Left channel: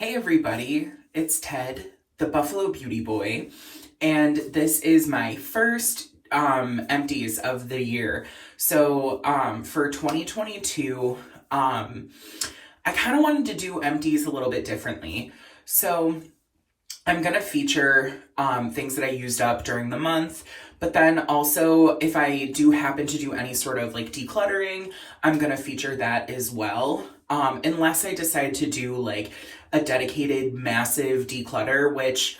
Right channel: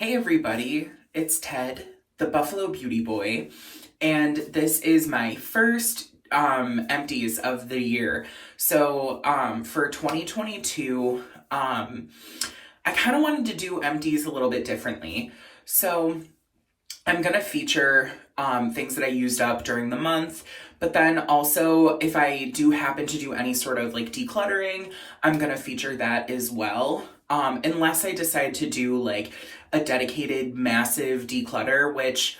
Hey everybody, it's Ted, the Buffalo Beauty Boy, and this is my first empties of the year. So for 2022, I kind of wanted to do empties a little bit differently. So I'm gonna feature things that I used up during the month, but then also if I do happen to do any sort of like decluttering, I'm gonna feature that as well. Unless I decide to do like a dedicated massive declutter, which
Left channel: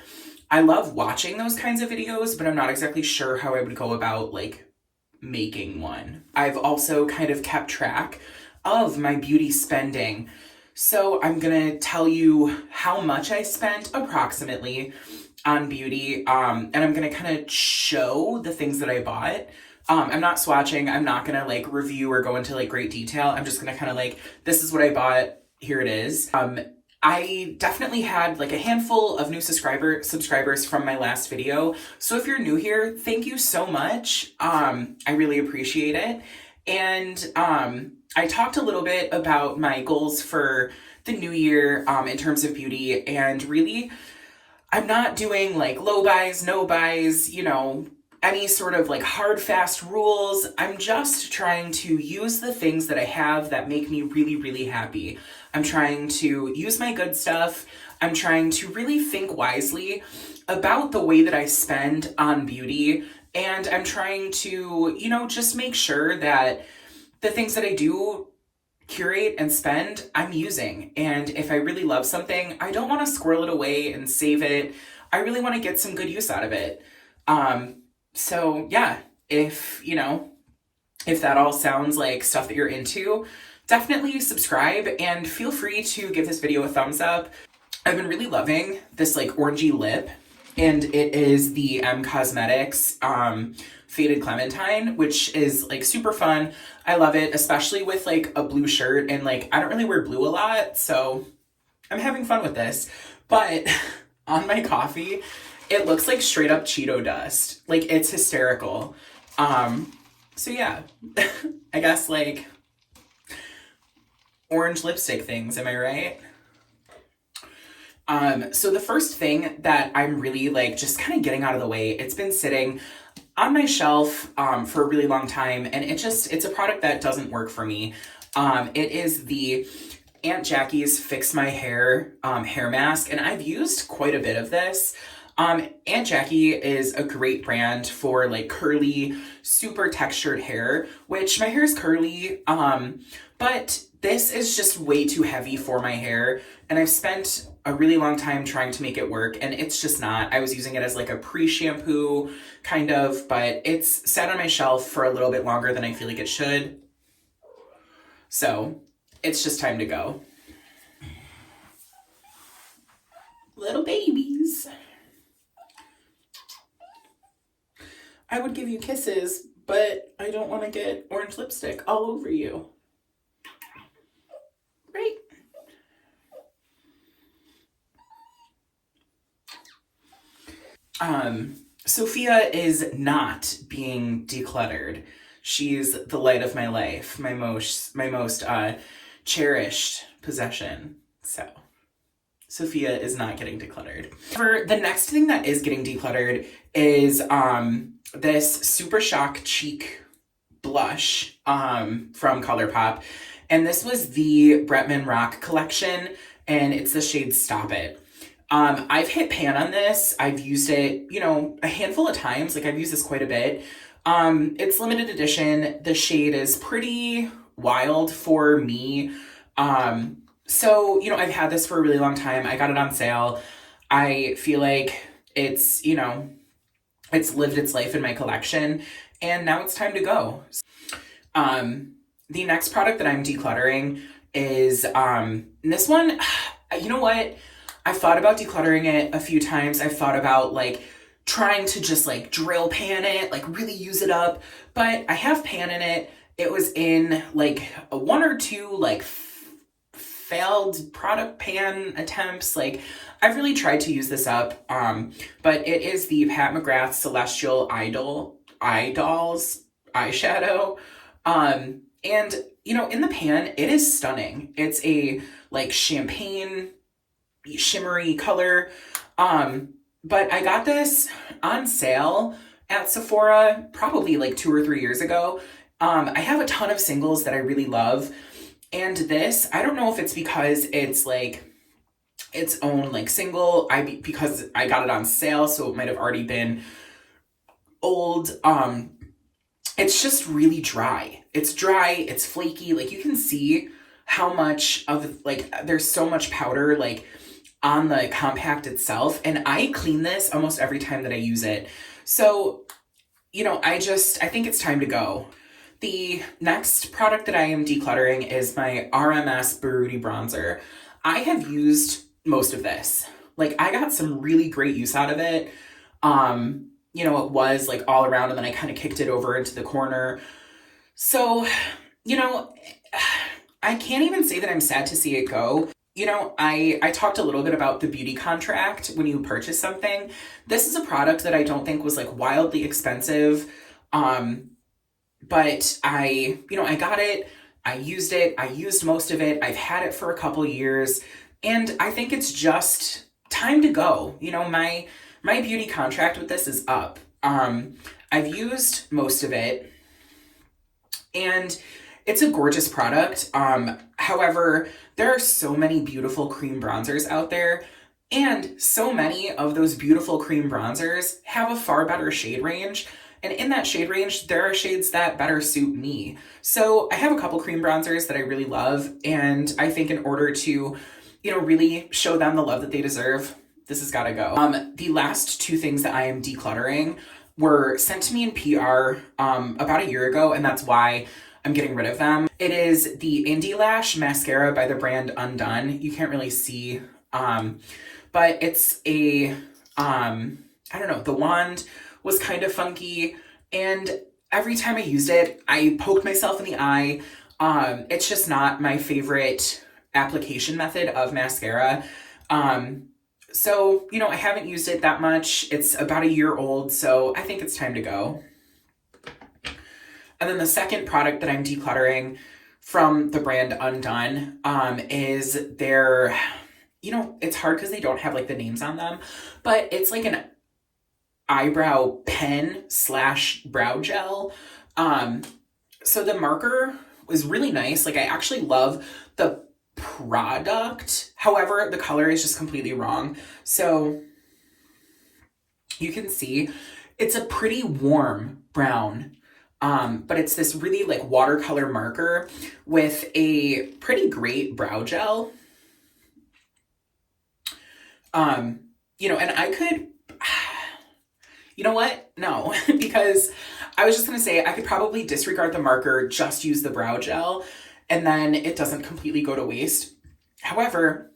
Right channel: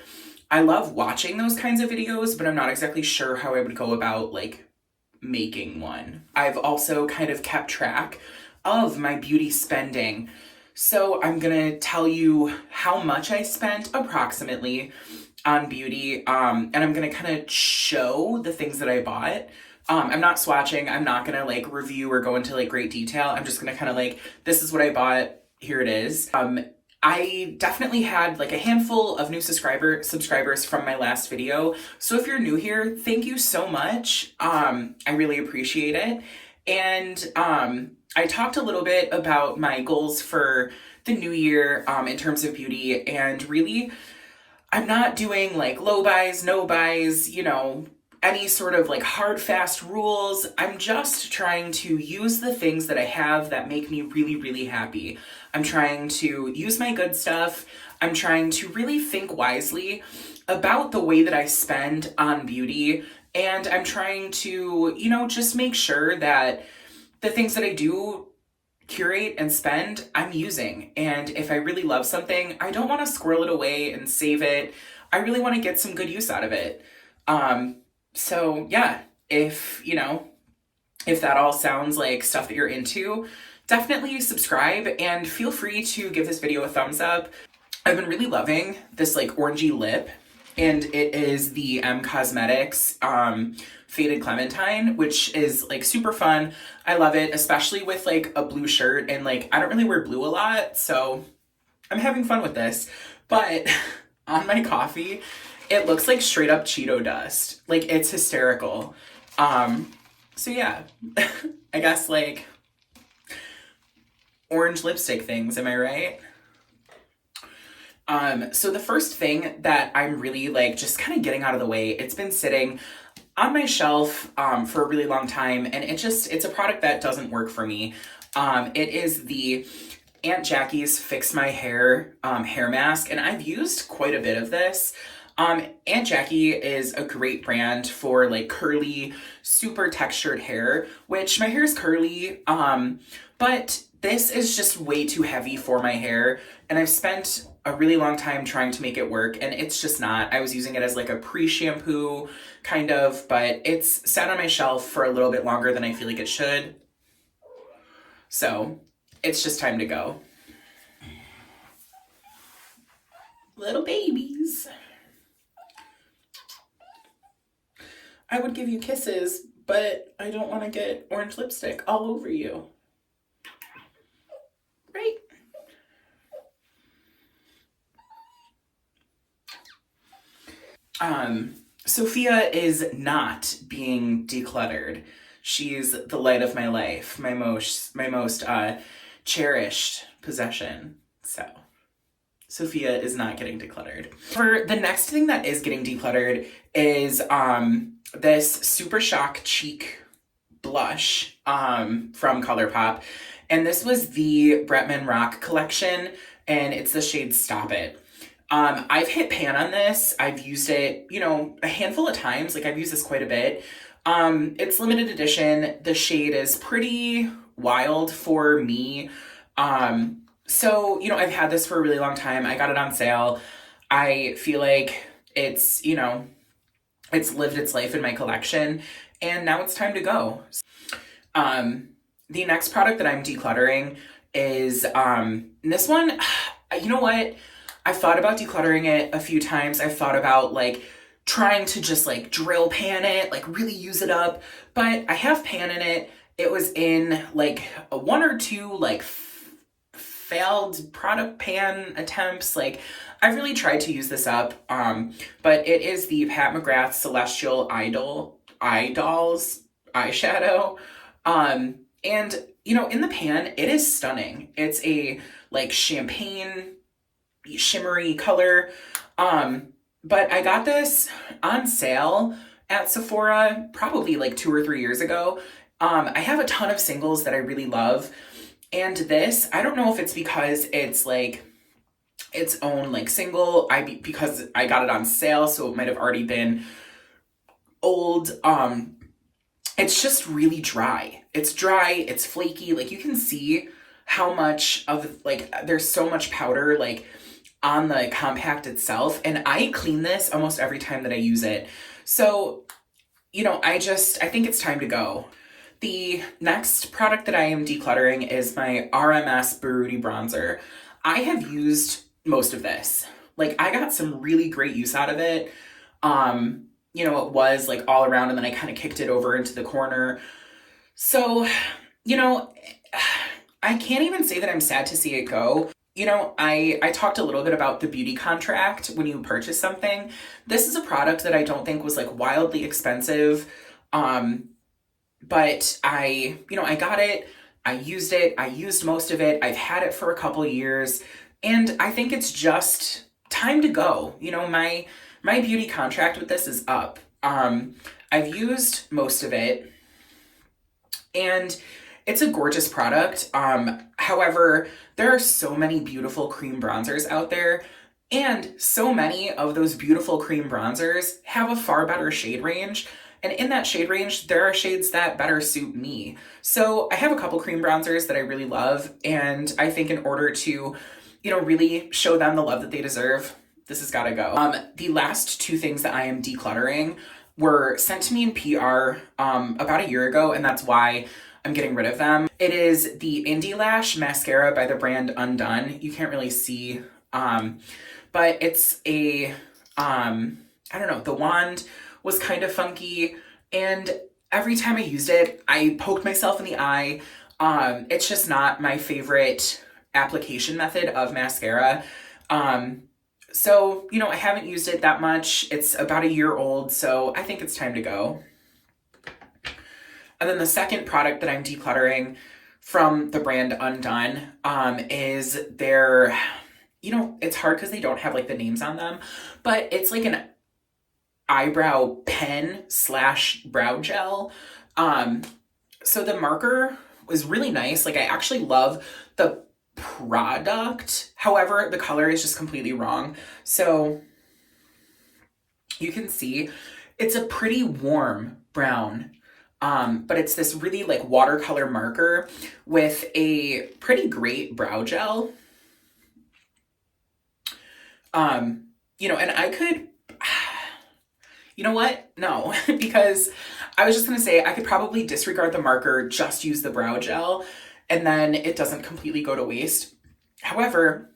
I love watching those kinds of videos, but I'm not exactly sure how I would go about like making one. I've also kind of kept track of my beauty spending. So I'm gonna tell you how much I spent approximately on beauty, and I'm gonna kind of show the things that I bought. I'm not swatching, I'm not gonna like review or go into like great detail. I'm just gonna kind of like, this is what I bought, here it is. I definitely had like a handful of new subscribers from my last video. So if you're new here, thank you so much. I really appreciate it. And I talked a little bit about my goals for the new year in terms of beauty, and really I'm not doing like low buys, no buys, any sort of like hard, fast rules. I'm just trying to use the things that I have that make me really, really happy. I'm trying to use my good stuff. I'm trying to really think wisely about the way that I spend on beauty. And I'm trying to, just make sure that the things that I do curate and spend, I'm using. And if I really love something, I don't want to squirrel it away and save it. I really want to get some good use out of it. So yeah, if that all sounds like stuff that you're into, definitely subscribe and feel free to give this video a thumbs up. I've been really loving this like orangey lip, and it is the Cosmetics Faded Clementine, which is like super fun. I love it, especially with like a blue shirt, and like I don't really wear blue a lot, so I'm having fun with this. But on my coffee, it looks like straight up Cheeto dust. Like, it's hysterical. So yeah, I guess like orange lipstick things, am I right? So the first thing that I'm really like just kind of getting out of the way, it's been sitting on my shelf for a really long time, and it's a product that doesn't work for me. It is the Aunt Jackie's Fix My Hair hair mask, and I've used quite a bit of this. Aunt Jackie is a great brand for like curly, super textured hair, which my hair is curly, but this is just way too heavy for my hair, and I've spent a really long time trying to make it work, and it's just not. I was using it as like a pre-shampoo kind of, but it's sat on my shelf for a little bit longer than I feel like it should. So it's just time to go. Little babies. I would give you kisses, but I don't want to get orange lipstick all over you. Right? Sophia is not being decluttered. She's the light of my life, my most cherished possession. So Sophia is not getting decluttered. For the next thing that is getting decluttered is this Super Shock Cheek blush from ColourPop. And this was the Bretman Rock collection, and it's the shade Stop It. I've hit pan on this. I've used it, a handful of times. Like, I've used this quite a bit. It's limited edition. The shade is pretty wild for me. So, I've had this for a really long time. I got it on sale. I feel like it's, it's lived its life in my collection, and now it's time to go. The next product that I'm decluttering is, this one, you know what? I've thought about decluttering it a few times. I've thought about like trying to just like drill pan it, like really use it up, but I have pan in it. It was in like one or two like failed product pan attempts. Like, I've really tried to use this up, but it is the Pat McGrath Celestial Idols eyeshadow. And in the pan, it is stunning. It's a like champagne shimmery color. But I got this on sale at Sephora probably like 2 or 3 years ago. I have a ton of singles that I really love. And this, I don't know if it's because it's like its own like single, because I got it on sale, so it might have already been old. It's just really dry. It's dry, it's flaky. Like you can see how much of like there's so much powder like on the compact itself, and I clean this almost every time that I use it. So, I think it's time to go. The next product that I am decluttering is my RMS Baruti bronzer. I have used most of this. Like I got some really great use out of it. It was like all around, and then I kind of kicked it over into the corner. So, I can't even say that I'm sad to see it go. I talked a little bit about the beauty contract when you purchase something. This is a product that I don't think was like wildly expensive. But I got it, I used most of it. I've had it for a couple years, and I think it's just time to go. My beauty contract with this is up. I've used most of it, and it's a gorgeous product. However, there are so many beautiful cream bronzers out there, and so many of those beautiful cream bronzers have a far better shade range. And in that shade range, there are shades that better suit me. So I have a couple cream bronzers that I really love, and I think in order to, really show them the love that they deserve, this has got to go. The last two things that I am decluttering were sent to me in PR about a year ago, and that's why I'm getting rid of them. It is the Indie Lash mascara by the brand Undone. You can't really see, but it's a, I don't know, the wand was kind of funky, and every time I used it, I poked myself in the eye. It's just not my favorite application method of mascara. So, I haven't used it that much. It's about a year old, so I think it's time to go. And then the second product that I'm decluttering from the brand Undone is their, it's hard because they don't have like the names on them, but it's like an eyebrow pen / brow gel. So the marker was really nice. Like I actually love the product. However, the color is just completely wrong. So you can see it's a pretty warm brown. But it's this really like watercolor marker with a pretty great brow gel. And I could, you know what? No, because I was just going to say I could probably disregard the marker, just use the brow gel, and then it doesn't completely go to waste. However,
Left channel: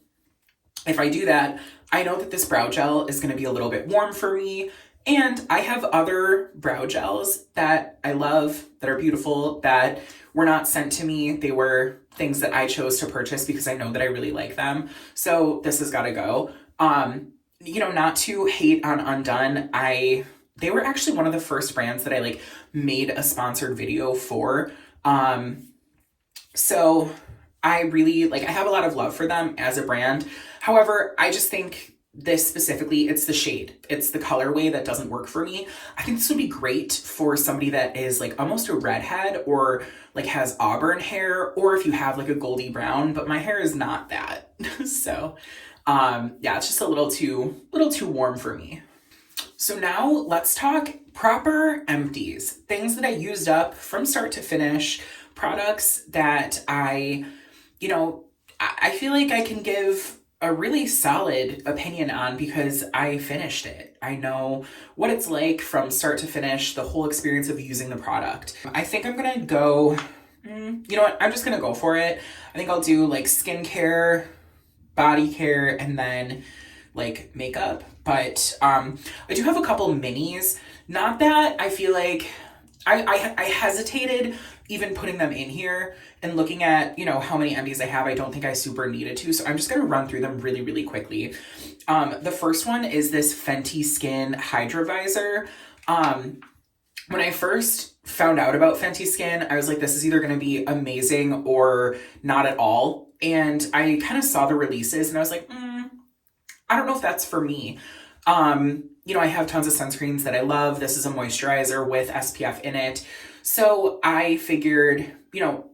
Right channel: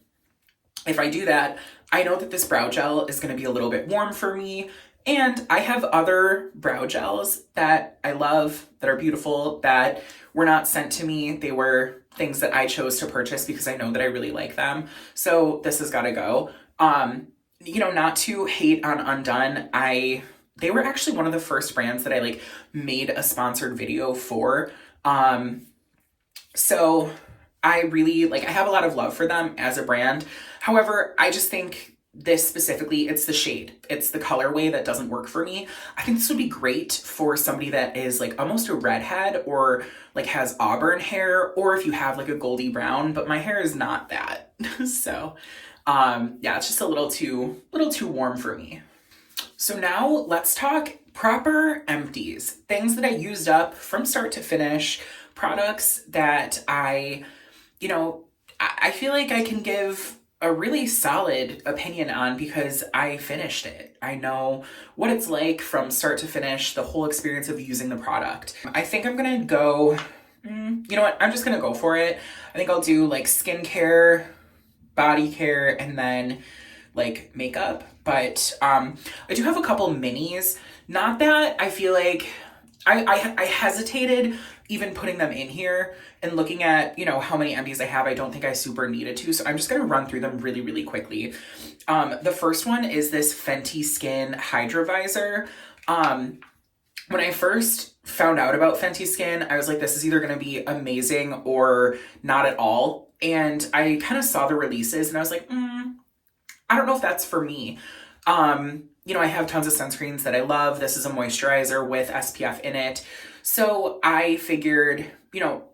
if I do that, I know that this brow gel is going to be a little bit warm for me. And I have other brow gels that I love, that are beautiful, that were not sent to me. They were things that I chose to purchase because I know that I really like them. So this has got to go. Not to hate on Undone. They were actually one of the first brands that I like made a sponsored video for. So I really I have a lot of love for them as a brand. However, I just think this specifically, it's the shade. It's the colorway that doesn't work for me. I think this would be great for somebody that is like almost a redhead, or like has auburn hair, or if you have like a goldy brown, but my hair is not that. So, it's just a little too warm for me. So now let's talk proper empties. Things that I used up from start to finish, products that I feel like I can give a really solid opinion on because I finished it. I know what it's like from start to finish, the whole experience of using the product. I think I'm gonna go, you know what, I'm just gonna go for it. I think I'll do like skincare, body care, and then like makeup. But I do have a couple minis. Not that I feel like I hesitated even putting them in here, and looking at, how many empties I have, I don't think I super needed to. So I'm just going to run through them really, really quickly. The first one is this Fenty Skin Hydra Visor. When I first found out about Fenty Skin, I was like, this is either going to be amazing or not at all. And I kind of saw the releases and I was like, I don't know if that's for me. I have tons of sunscreens that I love. This is a moisturizer with SPF in it. So I figured,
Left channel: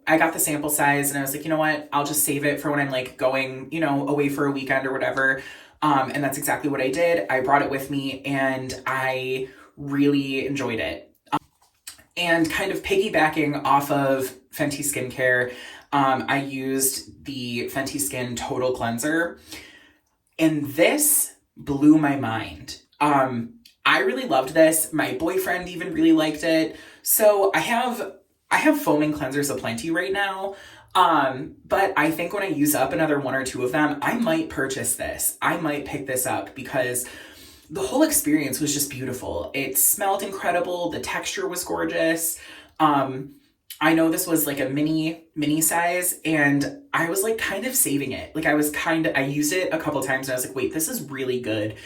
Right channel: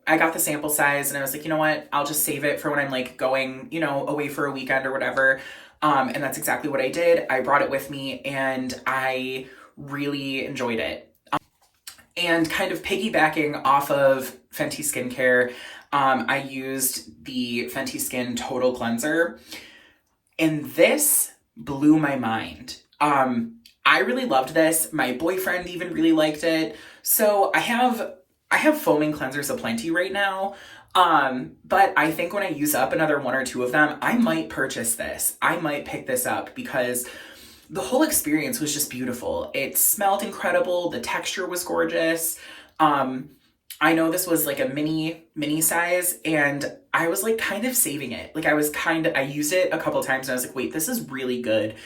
I got the sample size and I was like, you know what, I'll just save it for when I'm like going, away for a weekend or whatever. And that's exactly what I did. I brought it with me and I really enjoyed it. And kind of piggybacking off of Fenty Skincare, I used the Fenty Skin Total Cleanser, and this blew my mind. I really loved this. My boyfriend even really liked it. So I have foaming cleansers aplenty right now. But I think when I use up another one or two of them, I might purchase this. I might pick this up because the whole experience was just beautiful. It smelled incredible. The texture was gorgeous. I know this was like a mini size, and I was like kind of saving it. Like I used it a couple times and I was like, wait, this is really good.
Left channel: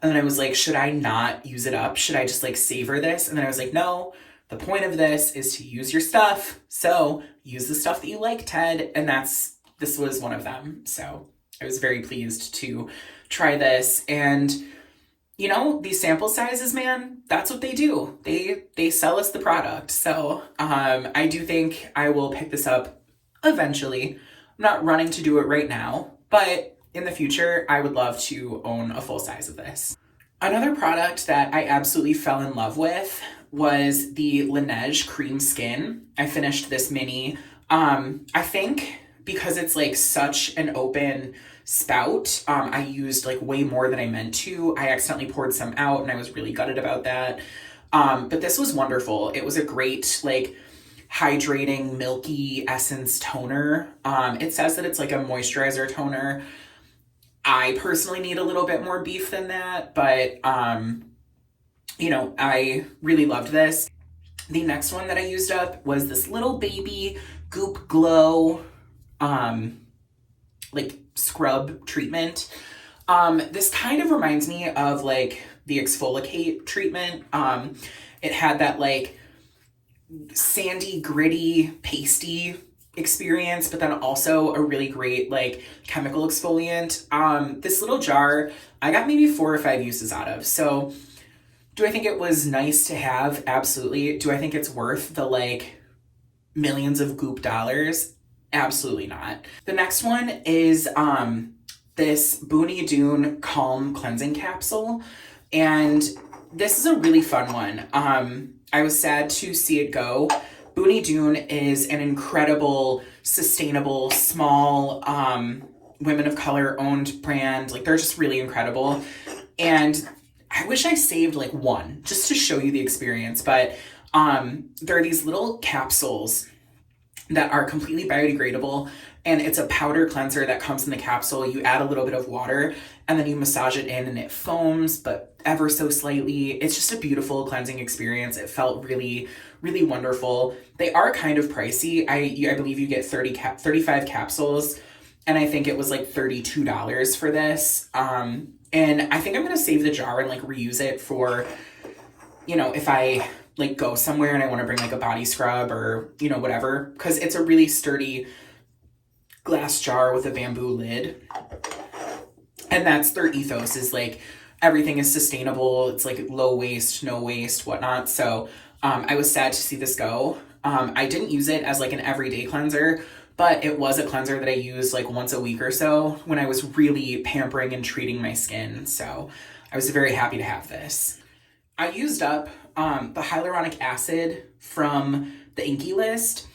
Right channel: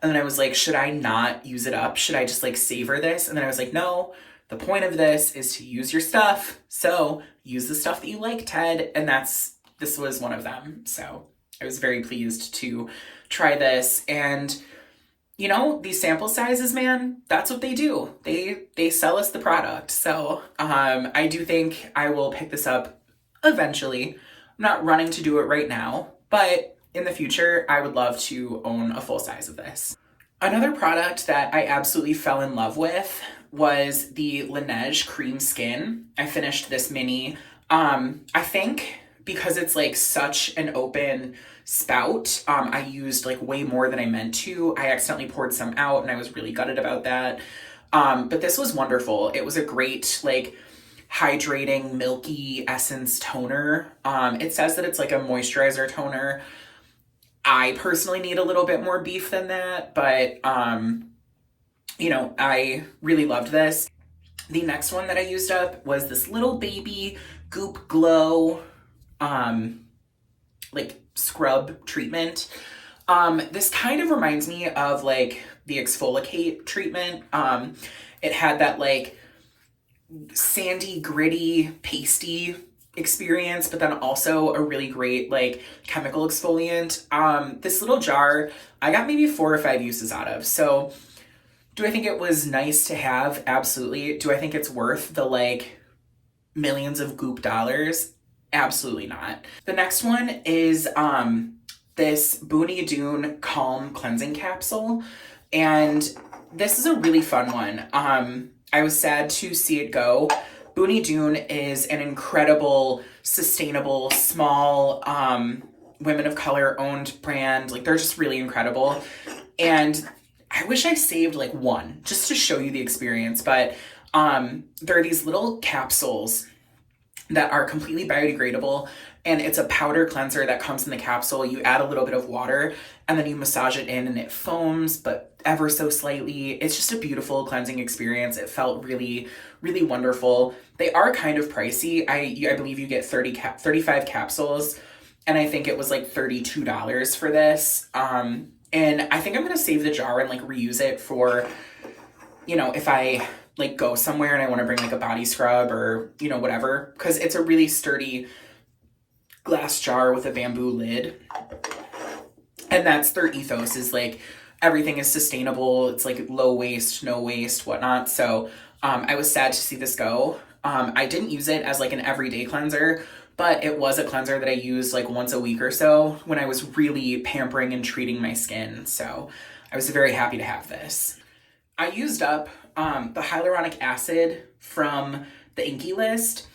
And then I was like, should I not use it up? Should I just like savor this? And then I was like, no, the point of this is to use your stuff. So use the stuff that you like, Ted. And this was one of them. So I was very pleased to try this. And these sample sizes, man, that's what they do. They sell us the product. So I do think I will pick this up eventually. I'm not running to do it right now, but in the future, I would love to own a full size of this. Another product that I absolutely fell in love with was the Laneige Cream Skin. I finished this mini. I think because it's like such an open spout, I used like way more than I meant to. I accidentally poured some out and I was really gutted about that. But this was wonderful. It was a great like hydrating milky essence toner. It says that it's like a moisturizer toner. I personally need a little bit more beef than that, but I really loved this. The next one that I used up was this little baby Goop Glow like scrub treatment. This kind of reminds me of like the exfoliate treatment. It had that like sandy, gritty, pasty experience, but then also a really great like chemical exfoliant. This little jar, I got maybe 4 or 5 uses out of. So do I think it was nice to have? Absolutely. Do I think it's worth the like millions of goop dollars? Absolutely not. The next one is this Booney Dune Calm Cleansing Capsule. And this is a really fun one. I was sad to see it go. Booney Dune is an incredible, sustainable, small, women of color owned brand. Like they're just really incredible. And I wish I saved like one just to show you the experience. But there are these little capsules that are completely biodegradable, and it's a powder cleanser that comes in the capsule. You add a little bit of water and then you massage it in and it foams, but ever so slightly. It's just a beautiful cleansing experience. It felt really, really wonderful. They are kind of pricey. I believe you get 35 capsules, and I think it was like $32 for this. And I think I'm going to save the jar and like reuse it for, if I like go somewhere and I want to bring like a body scrub or, whatever, because it's a really sturdy glass jar with a bamboo lid. And that's their ethos, is like everything is sustainable. It's like low waste, no waste, whatnot. So I was sad to see this go. I didn't use it as like an everyday cleanser, but it was a cleanser that I used like once a week or so when I was really pampering and treating my skin. So I was very happy to have this. I used up the hyaluronic acid from the Inkey List.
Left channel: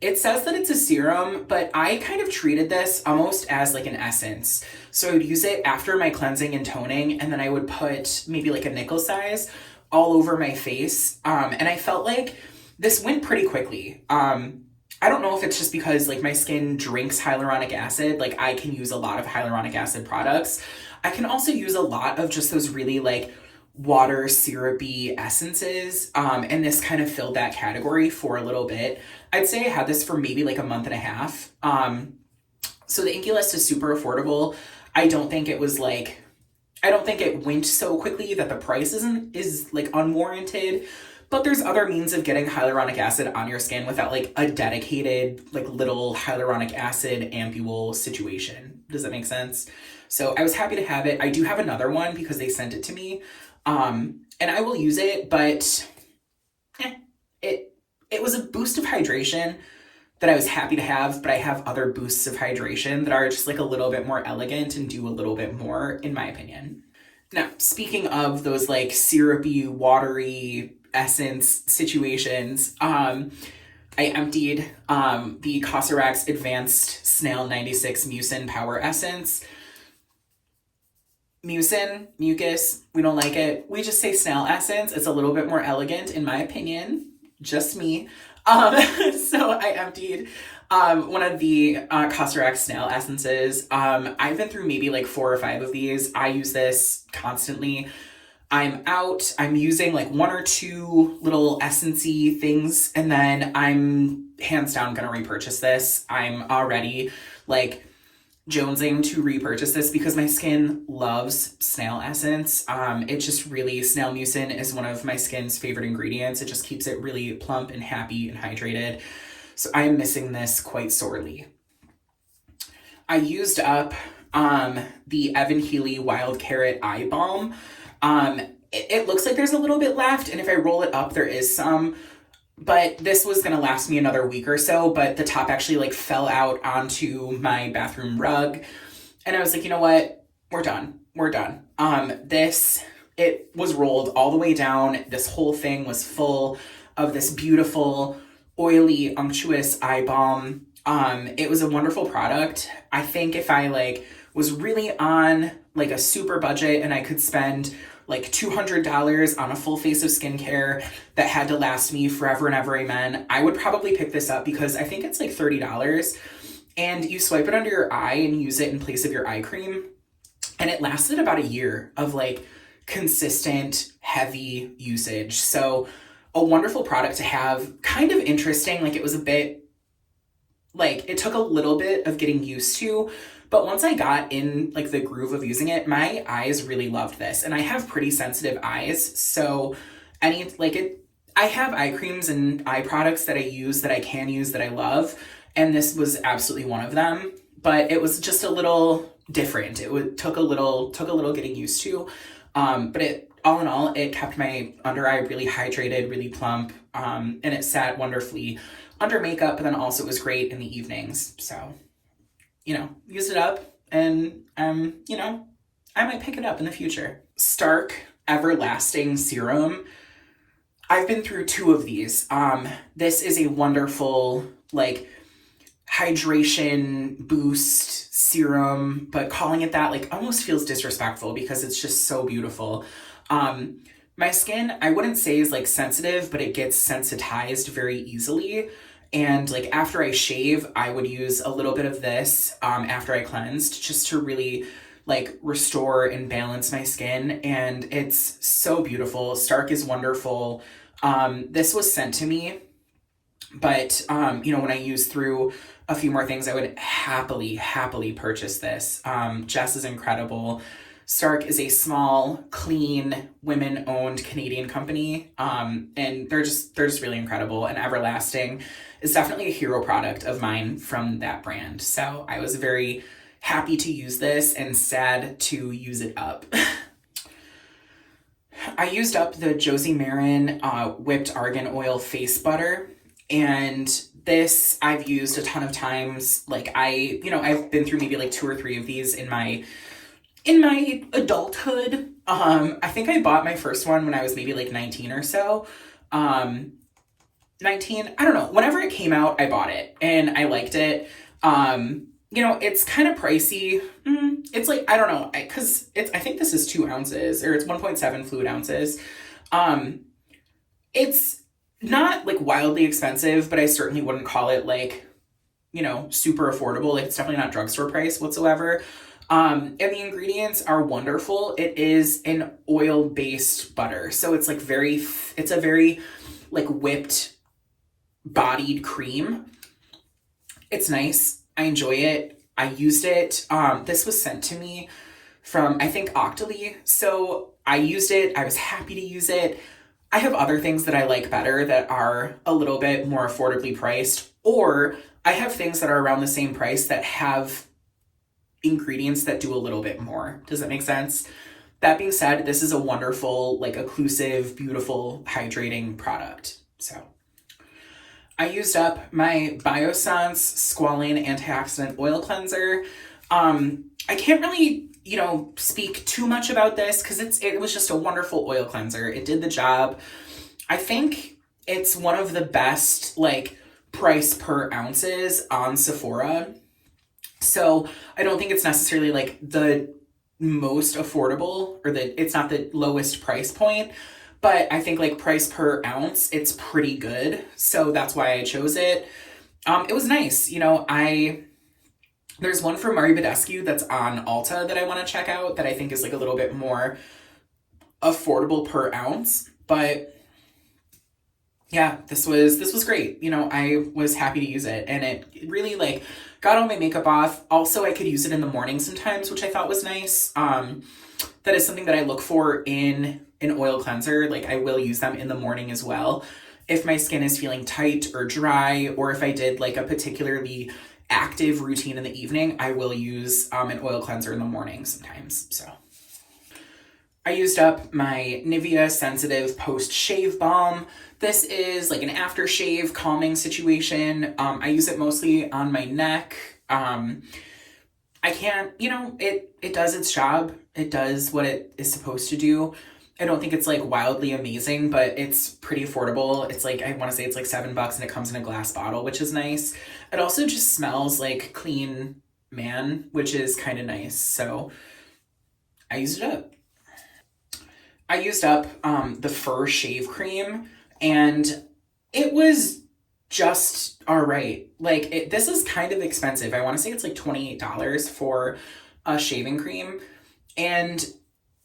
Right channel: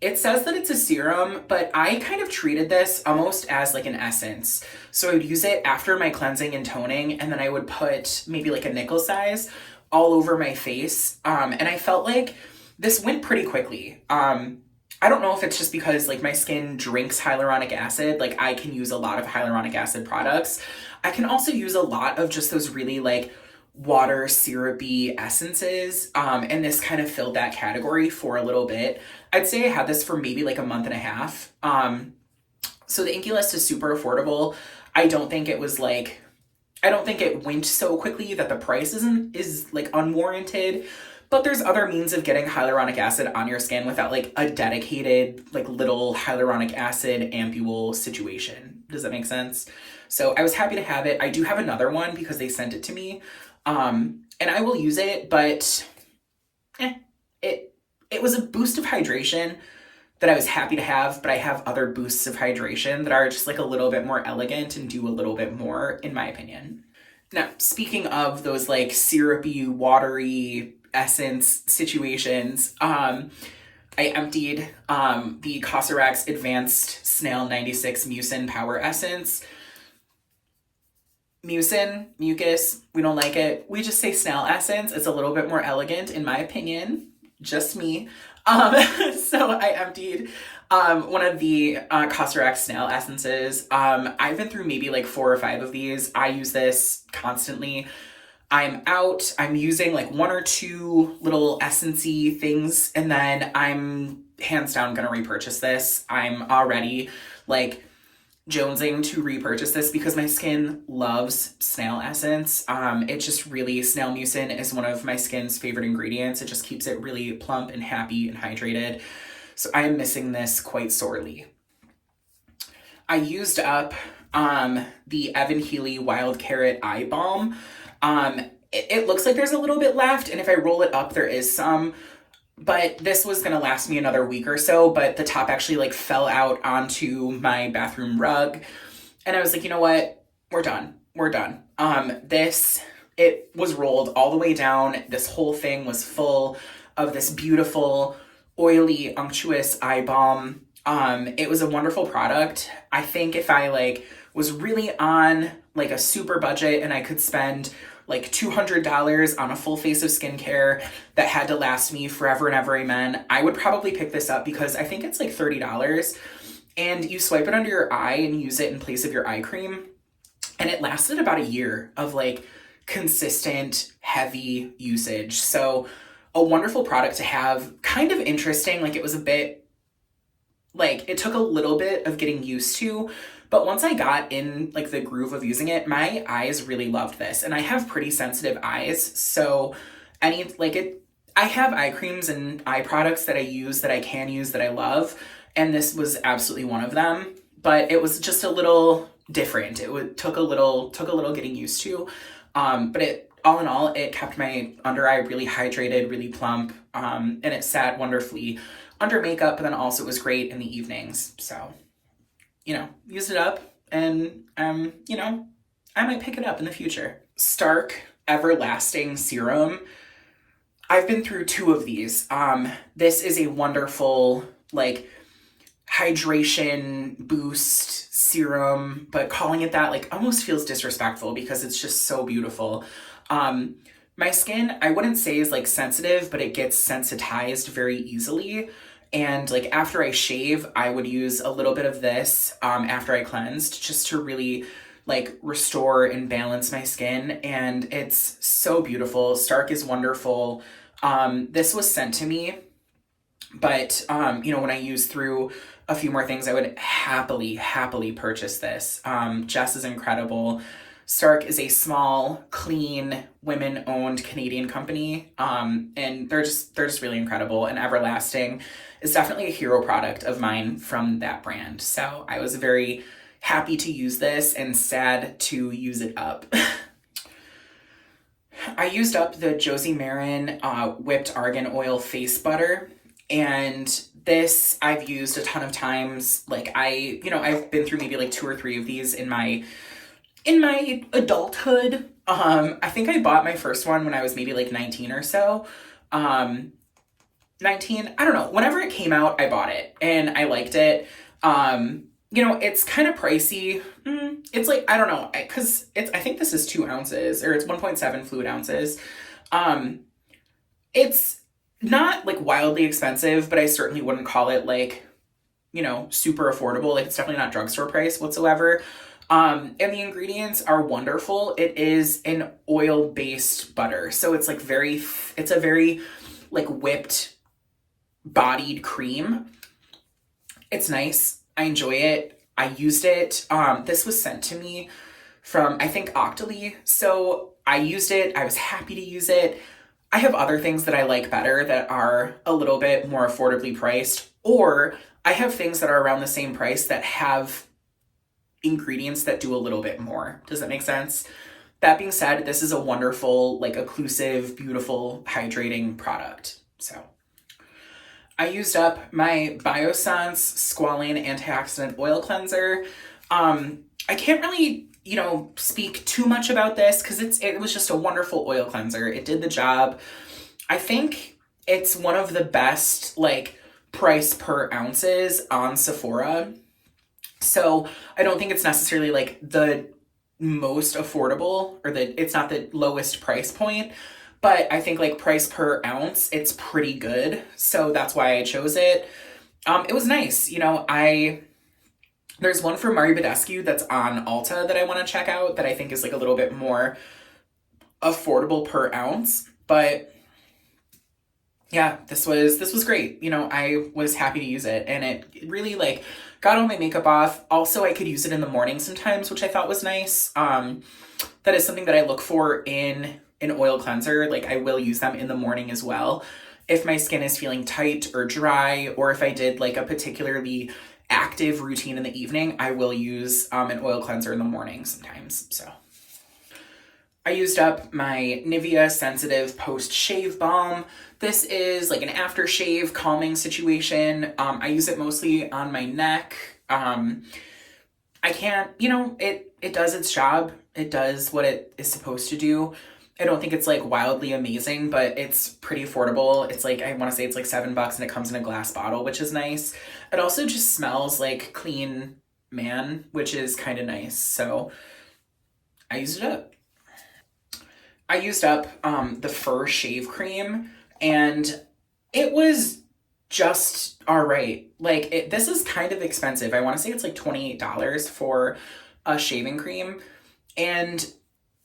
It says that it's a serum, but I kind of treated this almost as like an essence. So I would use it after my cleansing and toning, and then I would put maybe like a nickel size all over my face. And I felt like this went pretty quickly. I don't know if it's just because like my skin drinks hyaluronic acid. Like I can use a lot of hyaluronic acid products. I can also use a lot of just those really like water syrupy essences. And this kind of filled that category for a little bit. I'd say I had this for maybe like a month and a half. So the Inkey List is super affordable. I don't think it went so quickly that the price is like unwarranted, but there's other means of getting hyaluronic acid on your skin without like a dedicated like little hyaluronic acid ampule situation. Does that make sense? So I was happy to have it. I do have another one because they sent it to me. And I will use it, but it was a boost of hydration that I was happy to have, but I have other boosts of hydration that are just like a little bit more elegant and do a little bit more, in my opinion. Now, speaking of those like syrupy, watery essence situations, I emptied the Cosrx Advanced Snail 96 Mucin Power Essence. Mucus, we don't like it. We just say snail essence. It's a little bit more elegant, in my opinion. Just me. So I emptied one of the Cosrx snail essences. I've been through maybe like 4 or 5 of these. I use this constantly. I'm using like 1 or 2 little essence-y things, and then I'm hands down gonna repurchase this. I'm already like jonesing to repurchase this because my skin loves snail essence. It just really, snail mucin is one of my skin's favorite ingredients. It just keeps it really plump and happy and hydrated. So I am missing this quite sorely. I used up the Evan Healy Wild Carrot Eye Balm. It looks like there's a little bit left, and if I roll it up, there is some. But this was going to last me another week or so, but the top actually like fell out onto my bathroom rug. And I was like, you know what? We're done. It was rolled all the way down. This whole thing was full of this beautiful, oily, unctuous eye balm. It was a wonderful product. I think if I like was really on like a super budget and I could spend like $200 on a full face of skincare that had to last me forever and ever, amen, I would probably pick this up because I think it's like $30 and you swipe it under your eye and use it in place of your eye cream. And it lasted about a year of like consistent, heavy usage. So a wonderful product to have, kind of interesting. Like it was a bit, like it took a little bit of getting used to, but once I got in like the groove of using it, my eyes really loved this. And I have pretty sensitive eyes. So I have eye creams and eye products that I use, that I can use, that I love. And this was absolutely one of them, but it was just a little different. Took a little getting used to. But all in all, it kept my under eye really hydrated, really plump. And it sat wonderfully under makeup, but then also it was great in the evenings. So, use it up, and, I might pick it up in the future. Stark Everlasting Serum. I've been through 2 of these. This is a wonderful, like, hydration boost serum, but calling it that, like, almost feels disrespectful because it's just so beautiful. My skin, I wouldn't say is, like, sensitive, but it gets sensitized very easily. And like after I shave, I would use a little bit of this after I cleansed, just to really like restore and balance my skin. And it's so beautiful. Stark is wonderful. This was sent to me, but when I use through a few more things, I would happily purchase this. Jess is incredible. Stark is a small, clean, women-owned Canadian company, and they're just really incredible. And Everlasting is definitely a hero product of mine from that brand. So I was very happy to use this and sad to use it up. I used up the Josie Maran Whipped Argan Oil Face Butter, and this I've used a ton of times. Like I've been through maybe like 2 or 3 of these in my adulthood. I think I bought my first one when I was maybe like 19 or so. 19, I don't know. Whenever it came out, I bought it and I liked it. It's kind of pricey. It's like, I don't know, because I think this is 2 ounces, or it's 1.7 fluid ounces. It's not like wildly expensive, but I certainly wouldn't call it like, super affordable. Like it's definitely not drugstore price whatsoever. And the ingredients are wonderful. It is an oil-based butter. So it's like it's a very like whipped bodied cream. It's nice. I enjoy it. I used it. This was sent to me from, I think, Octoly. So I used it. I was happy to use it. I have other things that I like better that are a little bit more affordably priced, or I have things that are around the same price that have ingredients that do a little bit more. Does that make sense? That being said, this is a wonderful, like, occlusive, beautiful, hydrating product. So I used up my Biossance Squalane Antioxidant Oil Cleanser. I can't really, speak too much about this because it was just a wonderful oil cleanser. It did the job. I think it's one of the best, like, price per ounces on Sephora. So I don't think it's necessarily like the most affordable, or it's not the lowest price point, but I think like price per ounce, it's pretty good. So that's why I chose it. It was nice. There's one from Mari Badescu that's on Ulta that I want to check out that I think is like a little bit more affordable per ounce, but yeah, this was great. I was happy to use it, and it really like got all my makeup off. Also, I could use it in the morning sometimes, which I thought was nice. That is something that I look for in an oil cleanser. Like, I will use them in the morning as well. If my skin is feeling tight or dry, or if I did like a particularly active routine in the evening, I will use an oil cleanser in the morning sometimes. So I used up my Nivea Sensitive Post Shave Balm. This is like an aftershave calming situation. I use it mostly on my neck. I can't, it does its job. It does what it is supposed to do. I don't think it's like wildly amazing, but it's pretty affordable. It's like, I want to say it's like $7 and it comes in a glass bottle, which is nice. It also just smells like clean man, which is kind of nice. So I used it up. I used up the Fur Shave Cream, and it was just all right. Like, this is kind of expensive. I want to say it's like $28 for a shaving cream. And,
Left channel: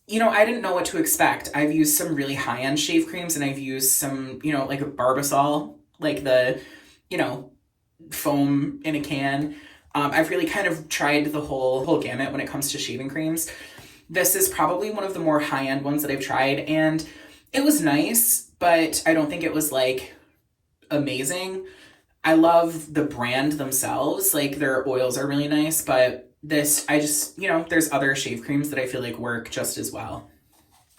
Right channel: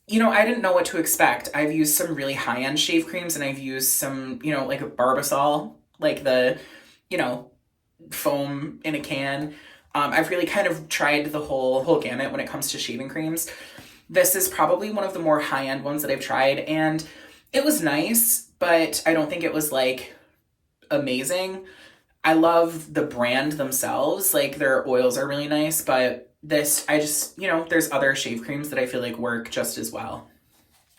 I didn't know what to expect. I've used some really high-end shave creams, and I've used some, like a Barbasol, like the, foam in a can. I've really kind of tried the whole gamut when it comes to shaving creams. This is probably one of the more high-end ones that I've tried, and it was nice, but I don't think it was like amazing. I love the brand themselves. Like, their oils are really nice, but this, I just, there's other shave creams that I feel like work just as well.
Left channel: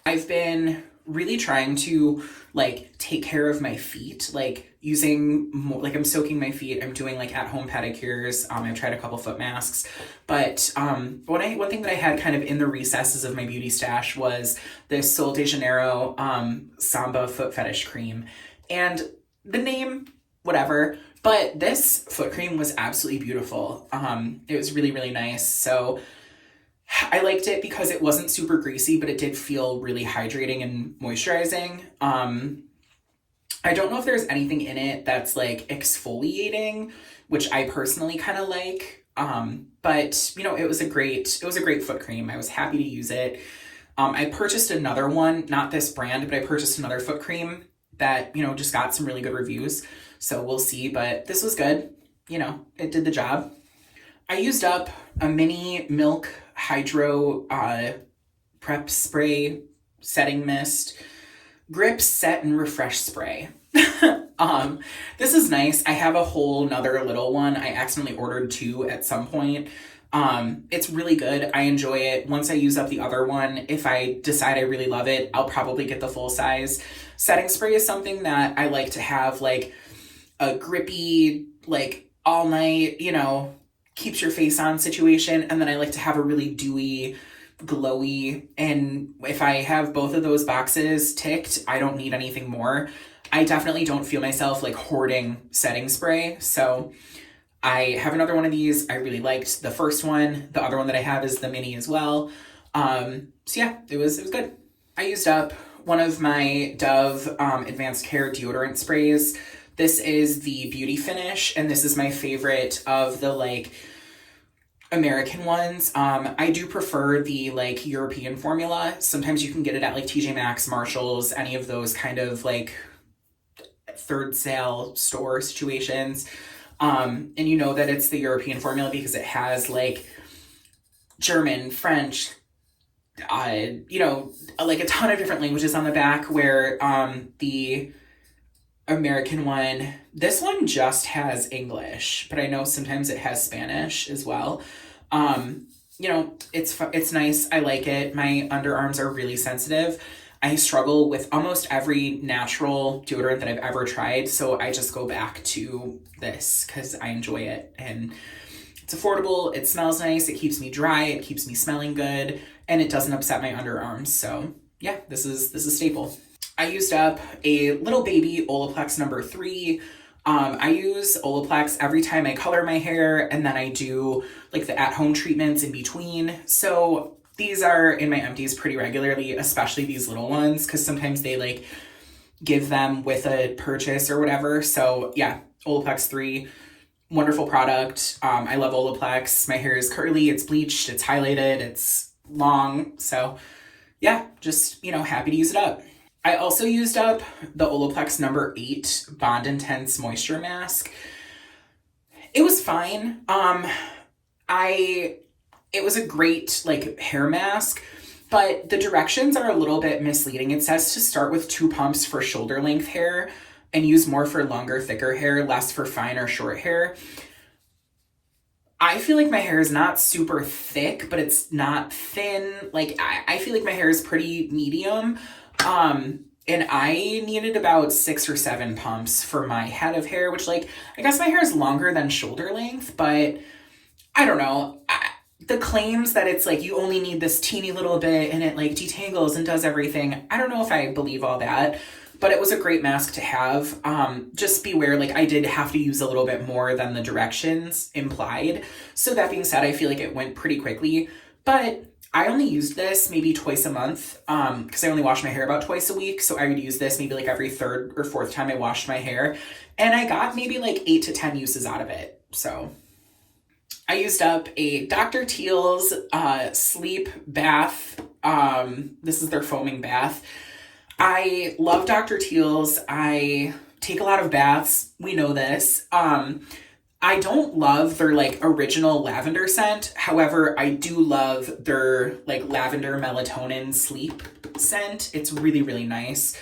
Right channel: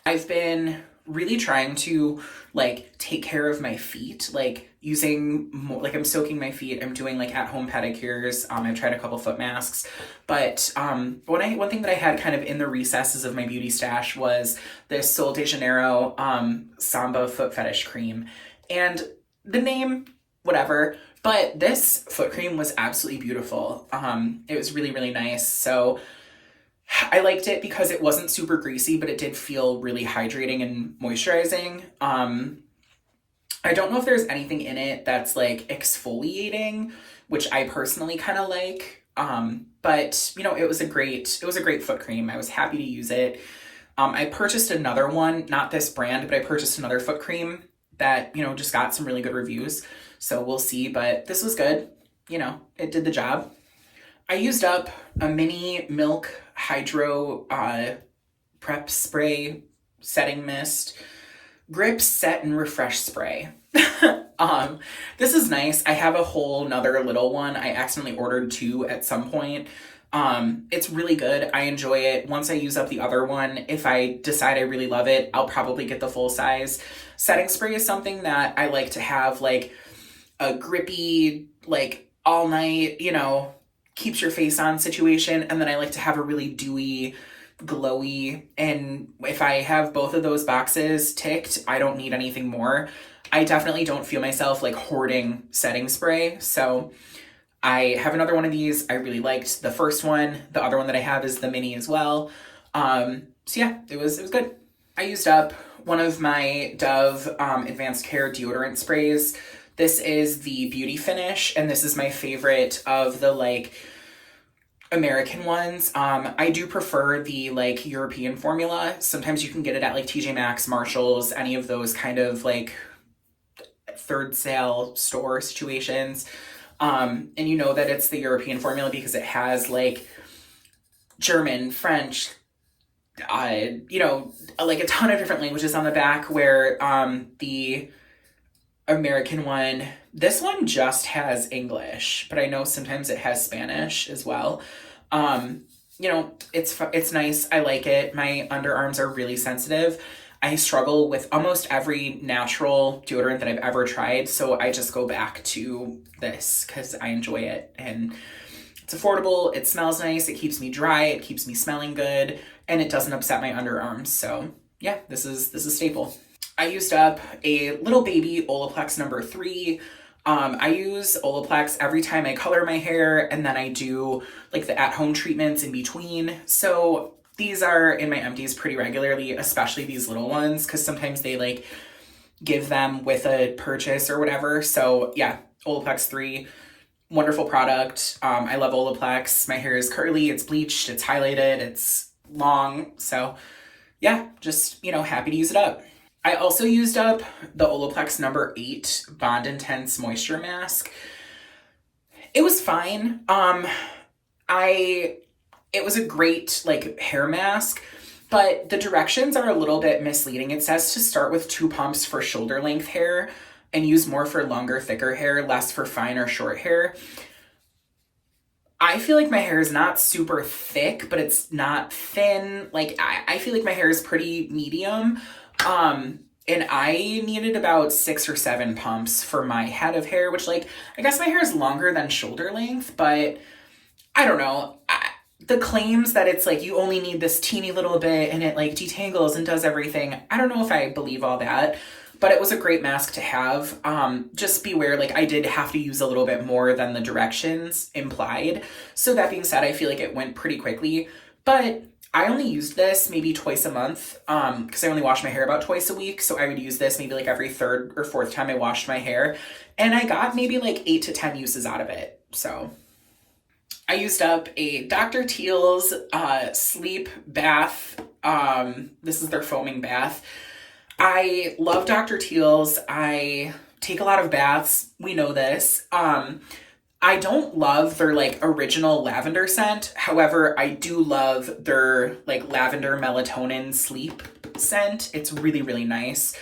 I've been really trying to like take care of my feet, like using more, like I'm soaking my feet. I'm doing like at-home pedicures. I've tried a couple foot masks, but one thing that I had kind of in the recesses of my beauty stash was this Sol de Janeiro Samba foot fetish cream, and the name, whatever. But this foot cream was absolutely beautiful. It was really, really nice. So I liked it because it wasn't super greasy, but it did feel really hydrating and moisturizing. I don't know if there's anything in it that's like exfoliating, which I personally kind of like. But it was a great foot cream. I was happy to use it. I purchased another one, not this brand, but I purchased another foot cream that, just got some really good reviews. So we'll see, but this was good. It did the job. I used up a mini Milk Hydro Prep Spray Setting Mist Grip Set and Refresh Spray. This is nice. I have a whole nother little one. I accidentally ordered 2 at some point. It's really good. I enjoy it. Once I use up the other one, if I decide I really love it, I'll probably get the full size. Setting spray is something that I like to have, like a grippy, like all night, keeps your face on situation. And then I like to have a really dewy, glowy. And if I have both of those boxes ticked, I don't need anything more. I definitely don't feel myself like hoarding setting spray. So I have another one of these. I really liked the first one. The other one that I have is the mini as well. So yeah, it was good. I used up one of my Dove Advanced Care deodorant sprays. This is the Beauty Finish, and this is my favorite of the like American ones. I do prefer the like European formula. Sometimes you can get it at like TJ Maxx, Marshalls, any of those kind of like third sale store situations. And you know that it's the European formula because it has like German, French, like a ton of different languages on the back, where the American one, this one just has English, but I know sometimes it has Spanish as well. you know, it's nice. I like it. My underarms are really sensitive. I struggle with almost every natural deodorant that I've ever tried, so I just go back to this because I enjoy it, and it's affordable, it smells nice, it keeps me dry, it keeps me smelling good, and it doesn't upset my underarms. So yeah, this is staple. I used up a little baby Olaplex number 3. I use Olaplex every time I color my hair, and then I do like the at-home treatments in between. So these are in my empties pretty regularly, especially these little ones, because sometimes they like give them with a purchase or whatever. So yeah, Olaplex 3, wonderful product. I love Olaplex. My hair is curly, it's bleached, it's highlighted, it's long. So yeah, just, you know, happy to use it up. I also used up the Olaplex number 8 Bond Intense Moisture Mask. It was fine. It was a great like hair mask, but the directions are a little bit misleading. It says to start with 2 pumps for shoulder length hair and use more for longer, thicker hair, less for fine or short hair. I feel like my hair is not super thick, but it's not thin. Like I feel like my hair is pretty medium. And I needed about 6 or 7 pumps for my head of hair, which like, I guess my hair is longer than shoulder length, but I don't know. The claims that it's like, you only need this teeny little bit and it like detangles and does everything. I don't know if I believe all that, but it was a great mask to have. Just beware, like I did have to use a little bit more than the directions implied. So that being said, I feel like it went pretty quickly, but I only used this maybe twice a month because I only wash my hair about twice a week. So I would use this maybe like every 3rd or 4th time I washed my hair. And I got maybe like 8 to 10 uses out of it. So I used up a Dr. Teal's sleep bath. This is their foaming bath. I love Dr. Teal's. I take a lot of baths. We know this. I don't love their like original lavender scent. However, I do love their like lavender melatonin sleep scent. It's really, really nice.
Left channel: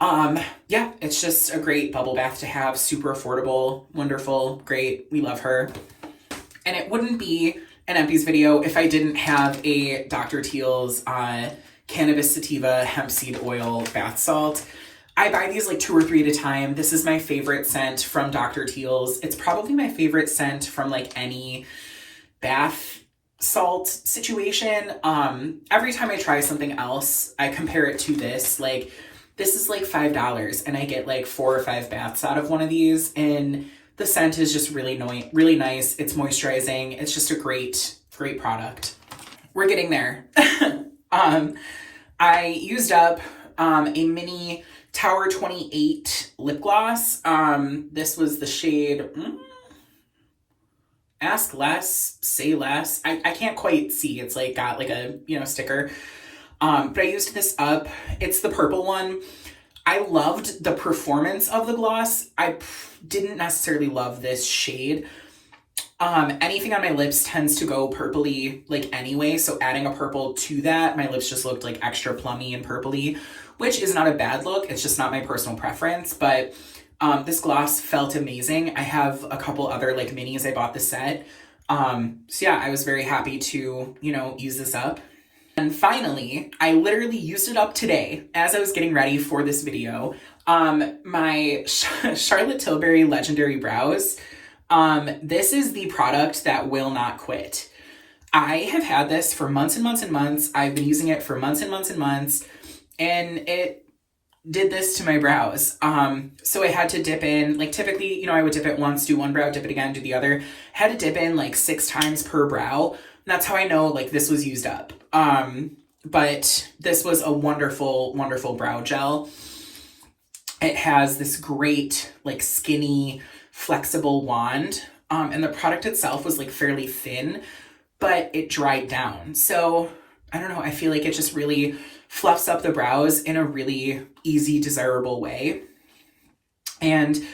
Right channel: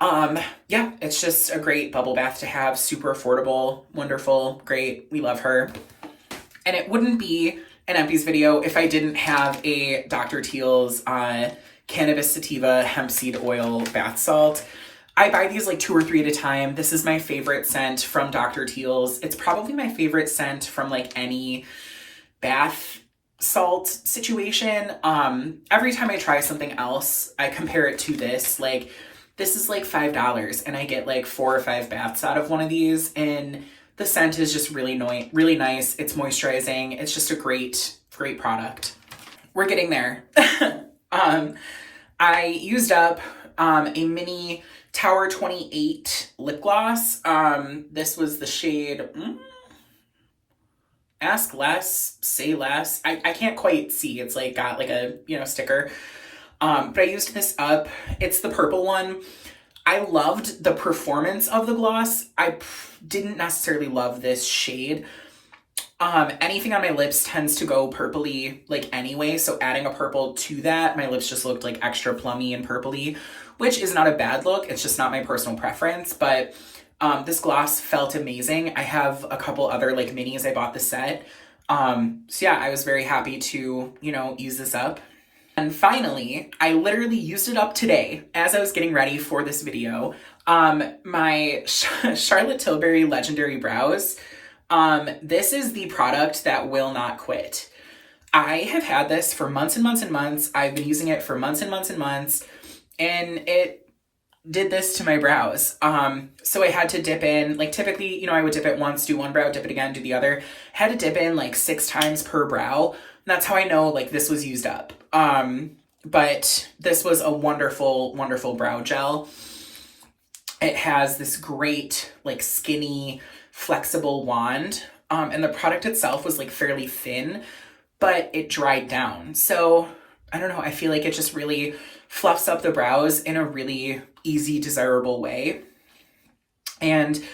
Yeah, it's just a great bubble bath to have. Super affordable, wonderful, great. We love her. And it wouldn't be an Empties video if I didn't have a Dr. Teal's cannabis sativa hemp seed oil bath salt. I buy these like 2 or 3 at a time. This is my favorite scent from Dr. Teal's. It's probably my favorite scent from like any bath salt situation. Every time I try something else, I compare it to this. Like this is like $5 and I get like 4 or 5 baths out of one of these, and the scent is just really nice. It's moisturizing. It's just a great product. We're getting there. I used up a mini Tower 28 lip gloss. This was the shade Ask Less, Say Less. I can't quite see. It's like got like a, you know, sticker. But I used this up. It's the purple one. I loved the performance of the gloss. I didn't necessarily love this shade. Anything on my lips tends to go purpley like anyway, so adding a purple to that, my lips just looked like extra plummy and purpley, which is not a bad look. It's just not my personal preference, but this gloss felt amazing. I have a couple other like minis. I bought the set. So yeah, I was very happy to, you know, use this up. And finally, I literally used it up today as I was getting ready for this video. My Charlotte Tilbury Legendary Brows. This is the product that will not quit. I have had this for months and months and months. I've been using it for months and months and months, and it did this to my brows. So I had to dip in, like typically, you know, I would dip it once, do one brow, dip it again, do the other. I had to dip in like 6 times per brow. That's how I know like this was used up. But this was a wonderful, wonderful brow gel. It has this great like skinny, flexible wand. And the product itself was like fairly thin, but it dried down. So I don't know, I feel like it just really fluffs up the brows in a really easy, desirable way. And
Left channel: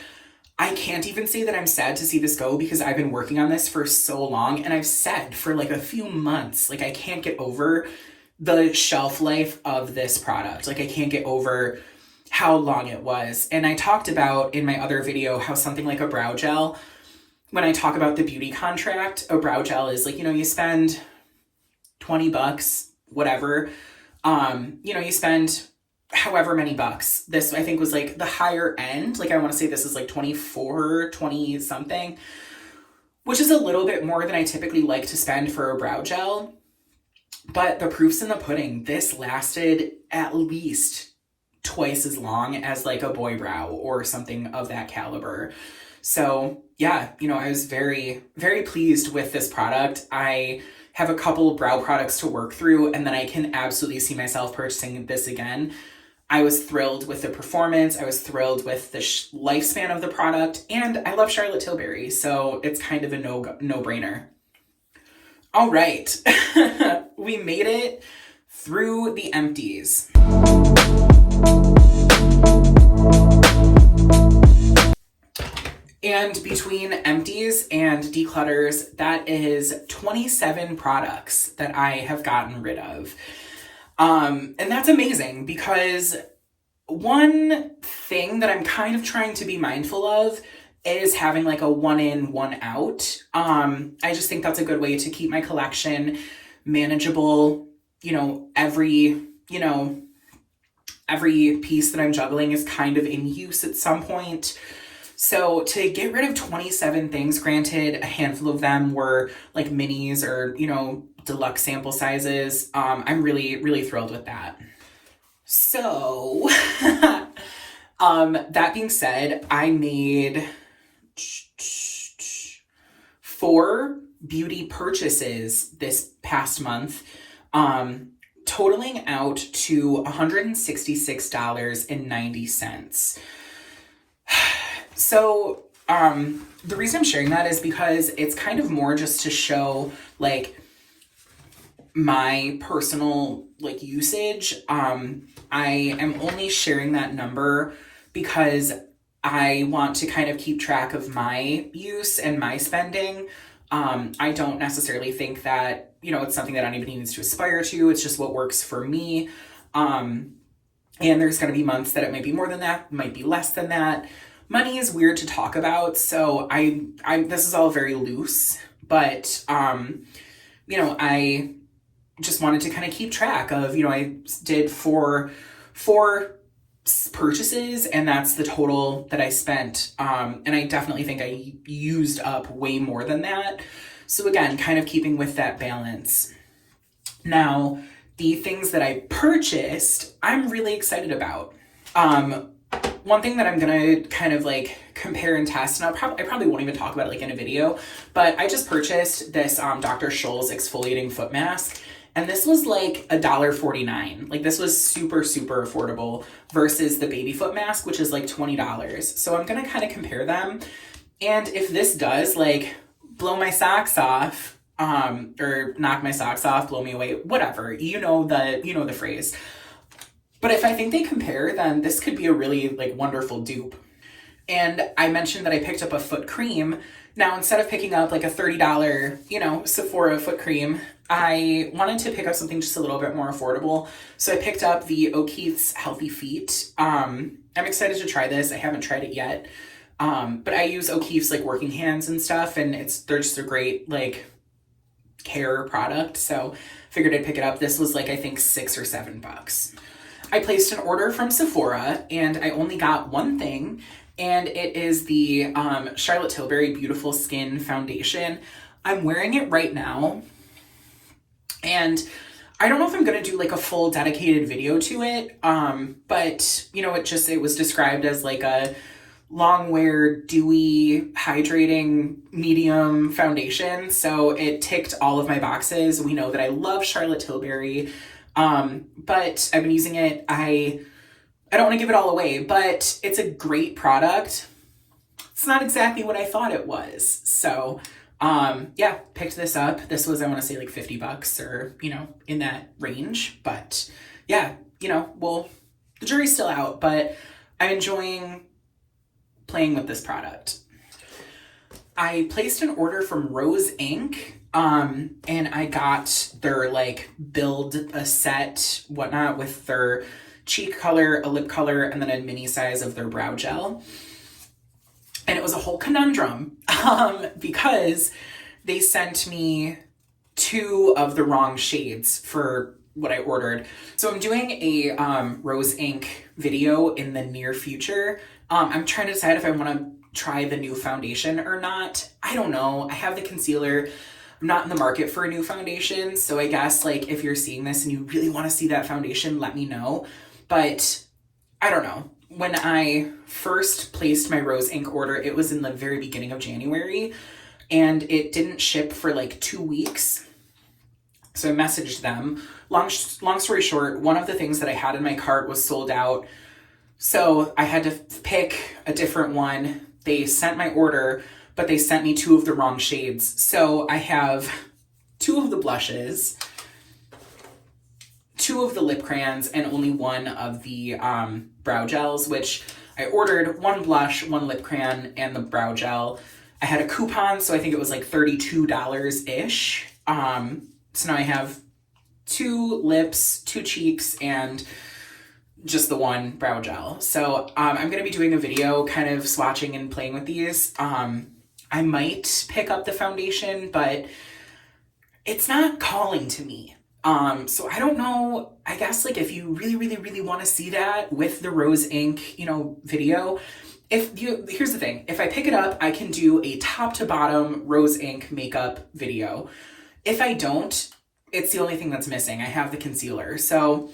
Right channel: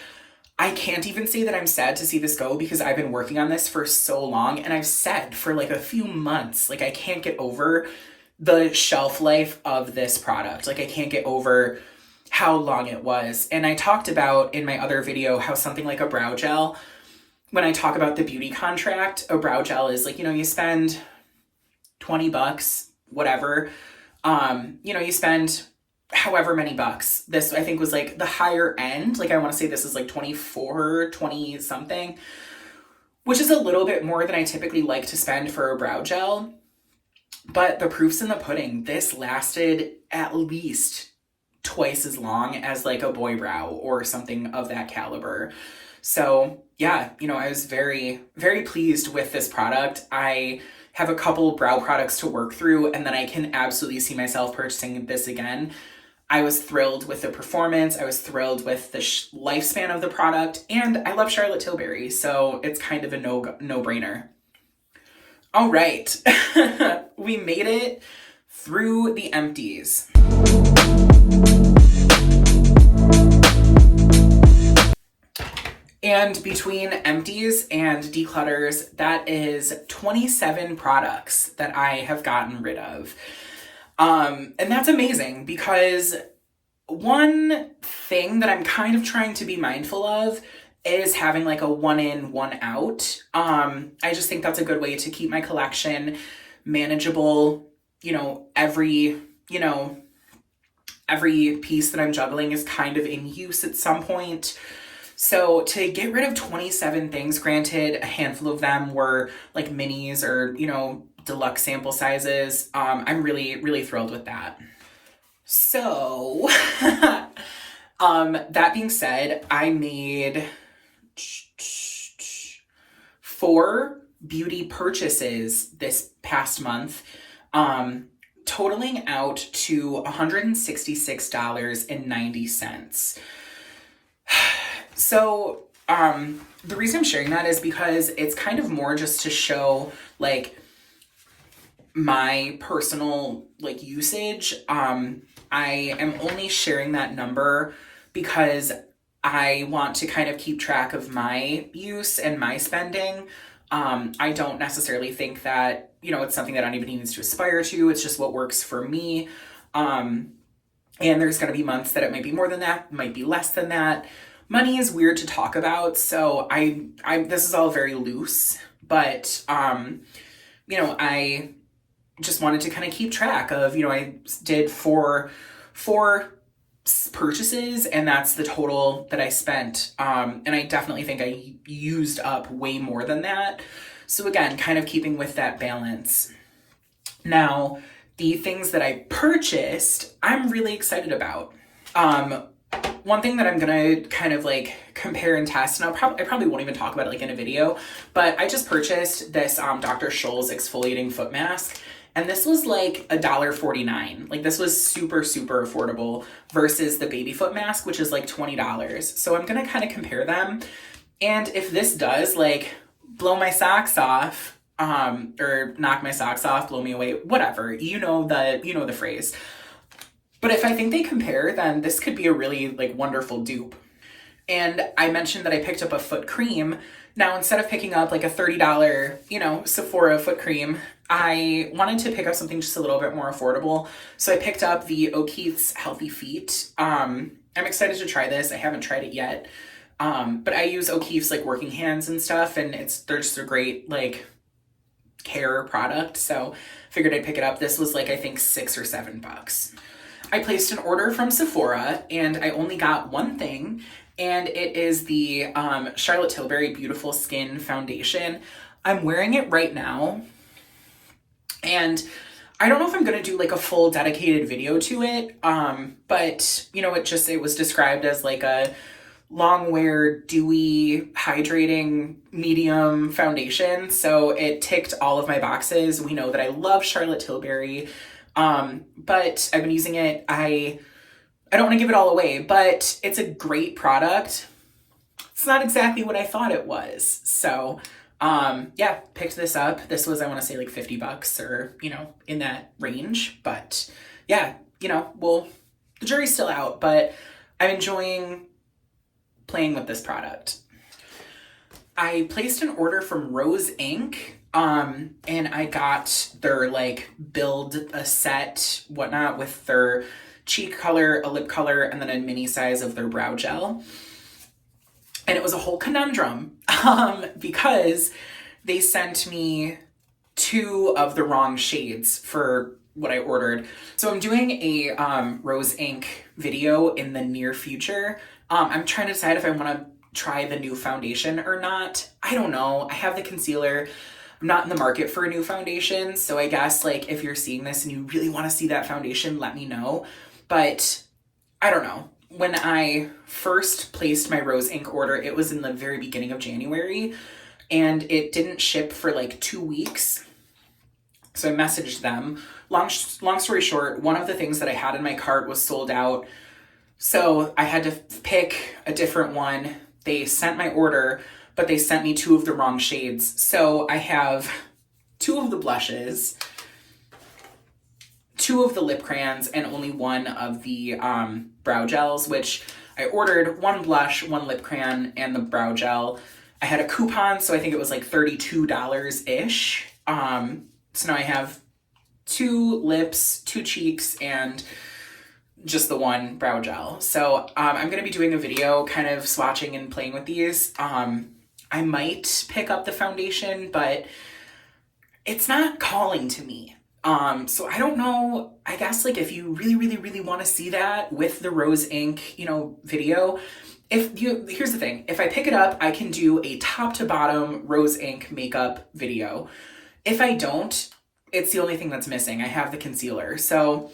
I can't even say that I'm sad to see this go because I've been working on this for so long, and I've said for like a few months, like I can't get over the shelf life of this product. Like I can't get over how long it was. And I talked about in my other video how something like a brow gel, when I talk about the beauty contract, a brow gel is like, you know, you spend 20 bucks, whatever. You know, you spend however many bucks. This I think was like the higher end. Like I want to say this is like 24, 20 something, which is a little bit more than I typically like to spend for a brow gel. But the proof's in the pudding. This lasted at least twice as long as like a boy brow or something of that caliber. So yeah, you know, I was very, very pleased with this product. I have a couple brow products to work through, and then I can absolutely see myself purchasing this again. I was thrilled with the performance. I was thrilled with the lifespan of the product, and I love Charlotte Tilbury, so it's kind of a no-brainer. All right, we made it through the empties. And between empties and declutters, that is 27 products that I have gotten rid of. And that's amazing because one thing that I'm kind of trying to be mindful of is having like a one in, one out. I just think that's a good way to keep my collection manageable. You know, every piece that I'm juggling is kind of in use at some point. So to get rid of 27 things, granted, a handful of them were like minis or, you know, deluxe sample sizes. I'm really, really thrilled with that. So, that being said, I made 4 beauty purchases this past month, totaling out to $166.90. So, the reason I'm sharing that is because it's kind of more just to show like my personal like usage. I am only sharing that number because I want to kind of keep track of my use and my spending. I don't necessarily think that, you know, it's something that anybody needs to aspire to. It's just what works for me. And there's going to be months that it might be more than that, might be less than that. Money is weird to talk about, so I this is all very loose, but you know, I just wanted to kind of keep track of, you know, I did four purchases, and that's the total that I spent. And I definitely think I used up way more than that. So again, kind of keeping with that balance. Now, the things that I purchased, I'm really excited about. One thing that I'm gonna kind of like compare and test, and I probably won't even talk about it like in a video, but I just purchased this Dr. Scholl's exfoliating foot mask, and this was like $1.49. Like this was super, super affordable versus the baby foot mask, which is like $20. So I'm gonna kind of compare them, and if this does like blow my socks off, or knock my socks off, blow me away, whatever, you know the phrase. But if I think they compare, then this could be a really like wonderful dupe. And I mentioned that I picked up a foot cream. Now, instead of picking up like a $30, you know, Sephora foot cream, I wanted to pick up something just a little bit more affordable. So I picked up the O'Keeffe's Healthy Feet. I'm excited to try this. I haven't tried it yet. But I use O'Keeffe's like working hands and stuff, and they're just a great like care product. So figured I'd pick it up. This was like, I think $6 or $7. I placed an order from Sephora, and I only got one thing, and it is the Charlotte Tilbury Beautiful Skin Foundation. I'm wearing it right now, and I don't know if I'm going to do like a full dedicated video to it, but you know, it was described as like a long wear, dewy, hydrating, medium foundation, so it ticked all of my boxes. We know that I love Charlotte Tilbury. But I've been using it. I don't want to give it all away, but it's a great product. It's not exactly what I thought it was. So, yeah, picked this up. This was, I want to say like $50 or, you know, in that range. But yeah, you know, well, the jury's still out, but I'm enjoying playing with this product. I placed an order from Rose Inc. And I got their like build a set, whatnot, with their cheek color, a lip color, and then a mini size of their brow gel. And it was a whole conundrum, because they sent me two of the wrong shades for what I ordered. So I'm doing a rose ink video in the near future. I'm trying to decide if I want to try the new foundation or not. I don't know. I have the concealer. I'm not in the market for a new foundation. So I guess like if you're seeing this and you really want to see that foundation, let me know. But I don't know. When I first placed my rose ink order, it was in the very beginning of January and it didn't ship for like 2 weeks. So I messaged them. Long story short, one of the things that I had in my cart was sold out. So I had to pick a different one. They sent my order, but they sent me two of the wrong shades. So I have two of the blushes, two of the lip crayons, and only one of the brow gels, which I ordered one blush, one lip crayon, and the brow gel. I had a coupon, so I think it was like $32-ish. So now I have two lips, two cheeks, and just the one brow gel. So I'm going to be doing a video kind of swatching and playing with these. I might pick up the foundation, but it's not calling to me. So I don't know, I guess like if you really want to see that with the rose ink, video, here's the thing, if I pick it up, I can do a top to bottom rose ink makeup video. If I don't, it's the only thing that's missing. I have the concealer. So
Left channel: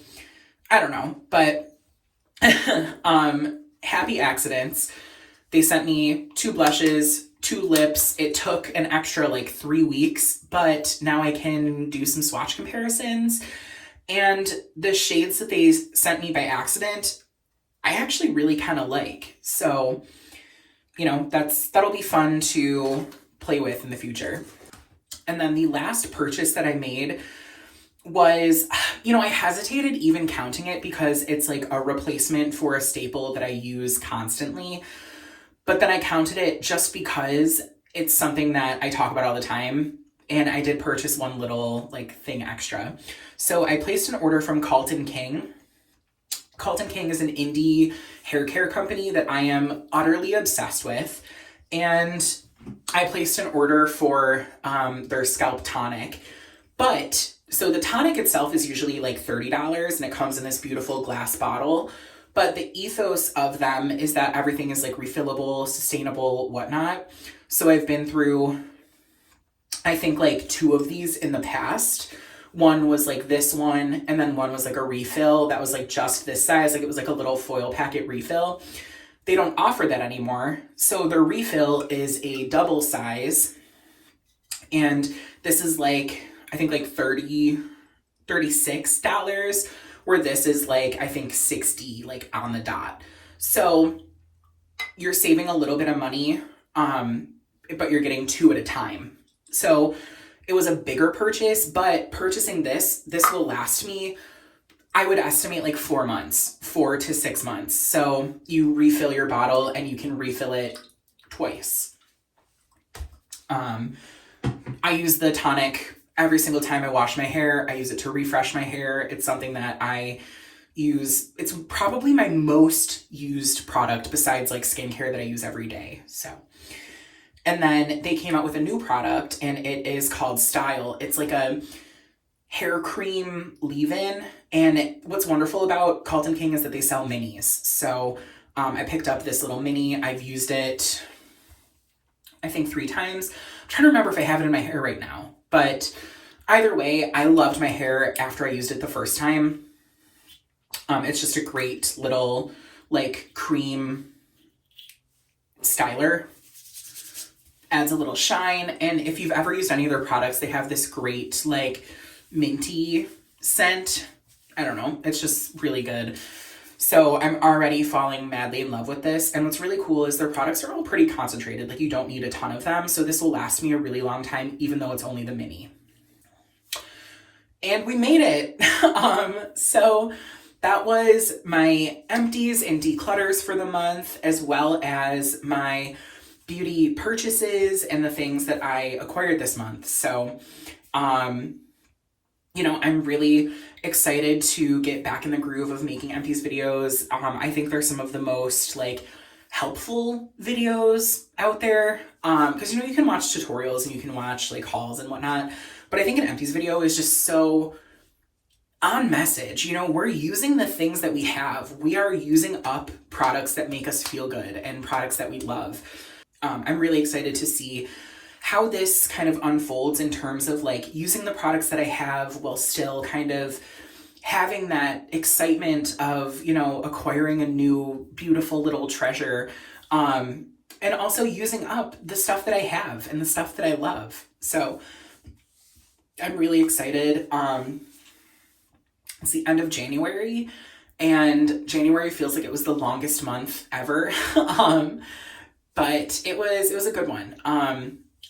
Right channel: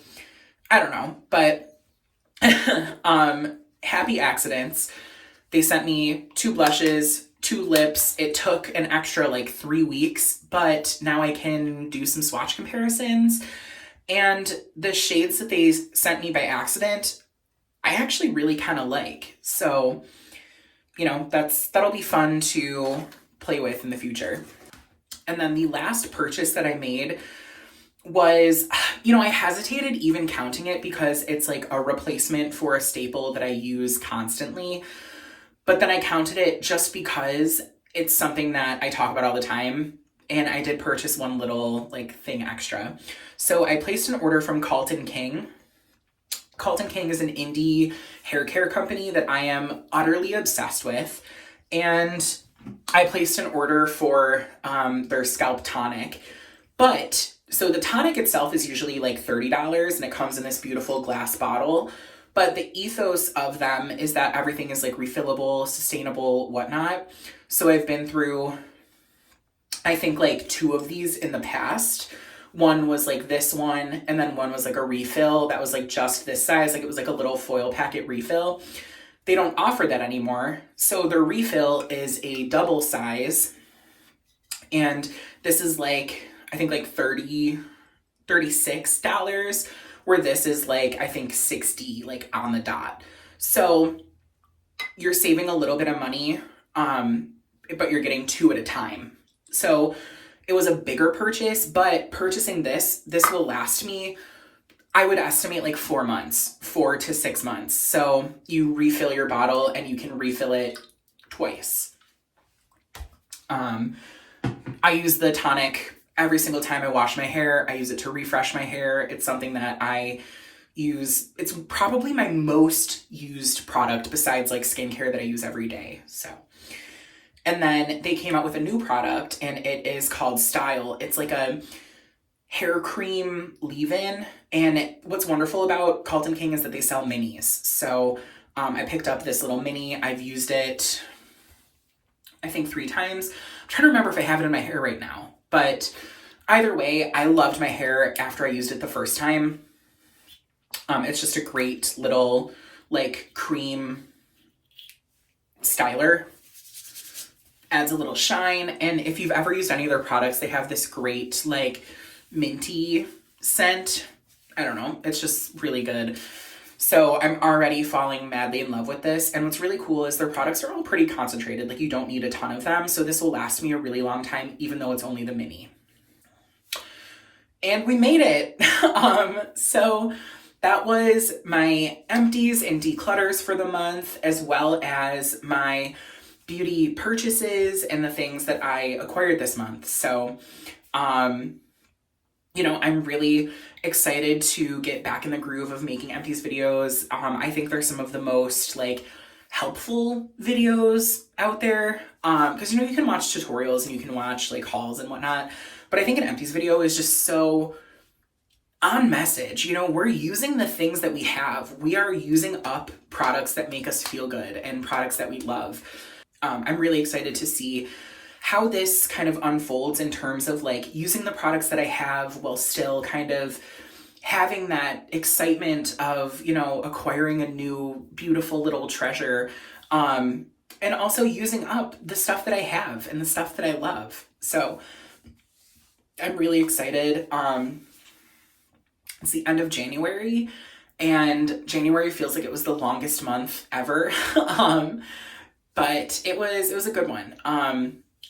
I don't know, but happy accidents. They sent me two blushes, two lips. It took an extra like 3 weeks, but now I can do some swatch comparisons. And the shades that they sent me by accident, I actually really kind of like. So, that'll be fun to play with in the future. And then the last purchase that I made was, I hesitated even counting it because it's like a replacement for a staple that I use constantly. But then I counted it just because it's something that I talk about all the time. And I did purchase one little like thing extra. So I placed an order from Carlton King. Carlton King is an indie hair care company that I am utterly obsessed with. And I placed an order for their scalp tonic. So the tonic itself is usually like $30 and it comes in this beautiful glass bottle. But the ethos of them is that everything is like refillable, sustainable, whatnot. So I've been through, I think like 2 of these in the past. One was like this one, and then one was like a refill that was like just this size. Like it was like a little foil packet refill. They don't offer that anymore. So their refill is a double size. And this is like, I think like $36, where this is like, I think 60, like on the dot. So you're saving a little bit of money, but you're getting 2 at a time. So it was a bigger purchase, but purchasing this will last me, I would estimate like 4 months, 4 to 6 months. So you refill your bottle and you can refill it twice. I use the tonic every single time I wash my hair. I use it to refresh my hair. It's something that I use. It's probably my most used product besides like skincare that I use every day. So, and then they came out with a new product and it is called Style. It's like a hair cream leave-in. And what's wonderful about Carlton King is that they sell minis. So I picked up this little mini. I've used it, I think 3 times. I'm trying to remember if I have it in my hair right now. But either way, I loved my hair after I used it the first time. It's just a great little like cream styler. Adds a little shine. And if you've ever used any of their products, they have this great like minty scent. I don't know. It's just really good. So I'm already falling madly in love with this. And what's really cool is their products are all pretty concentrated. Like you don't need a ton of them. So this will last me a really long time, even though it's only the mini. And we made it. So that was my empties and declutters for the month, as well as my beauty purchases and the things that I acquired this month. So, I'm really excited to get back in the groove of making empties videos. I think they're some of the most like helpful videos out there. Cause you can watch tutorials and you can watch like hauls and whatnot, But I think an Empties video is just so on message. You know, we're using the things that we have. We are using up products that make us feel good and products that we love. I'm really excited to see how this kind of unfolds in terms of like using the products that I have while still kind of having that excitement of, you know, acquiring a new beautiful little treasure. And also using up the stuff that I have and the stuff that I love. So I'm really excited. It's the end of January, and January feels like it was the longest month ever. But it was a good one.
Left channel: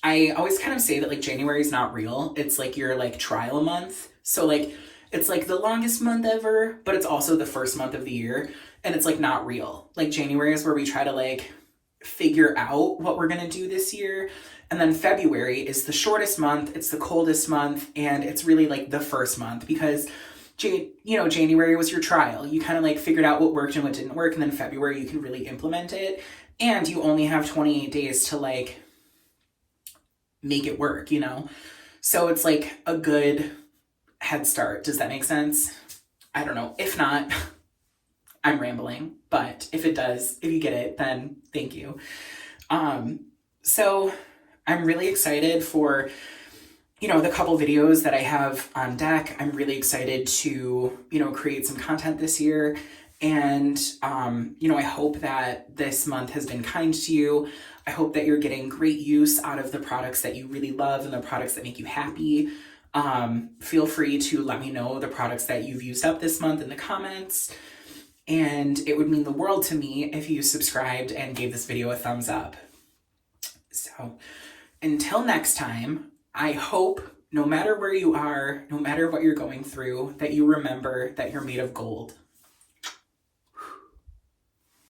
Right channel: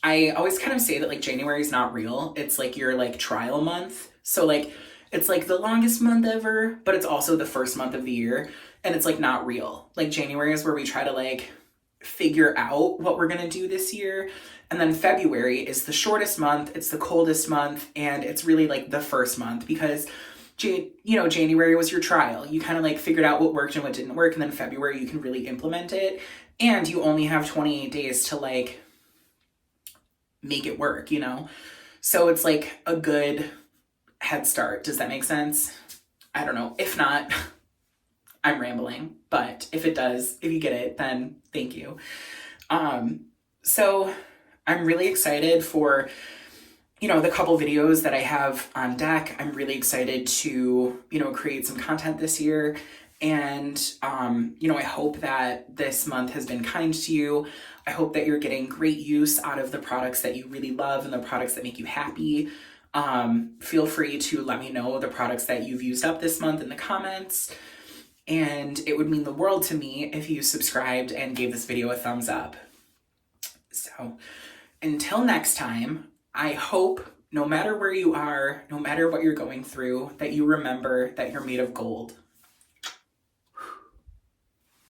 I always kind of say that like January is not real. It's like your like trial month. So like it's like the longest month ever, but it's also the first month of the year, and it's like not real. Like January is where we try to like figure out what we're gonna do this year. And then February is the shortest month, it's the coldest month, and it's really like the first month because January was your trial. You kind of like figured out what worked and what didn't work, and then February you can really implement it. And you only have 28 days to like make it work, you know? So it's like a good head start. Does that make sense? I don't know. If not, I'm rambling, but if it does, if you get it, then thank you. So I'm really excited for, you know, the couple videos that I have on deck. I'm really excited to, you know, create some content this year. And, you know, I hope that this month has been kind to you. I hope that you're getting great use out of the products that you really love and the products that make you happy. Feel free to let me know the products that you've used up this month in the comments. And it would mean the world to me if you subscribed and gave this video a thumbs up. So until next time, I hope no matter where you are, no matter what you're going through, that you remember that you're made of gold.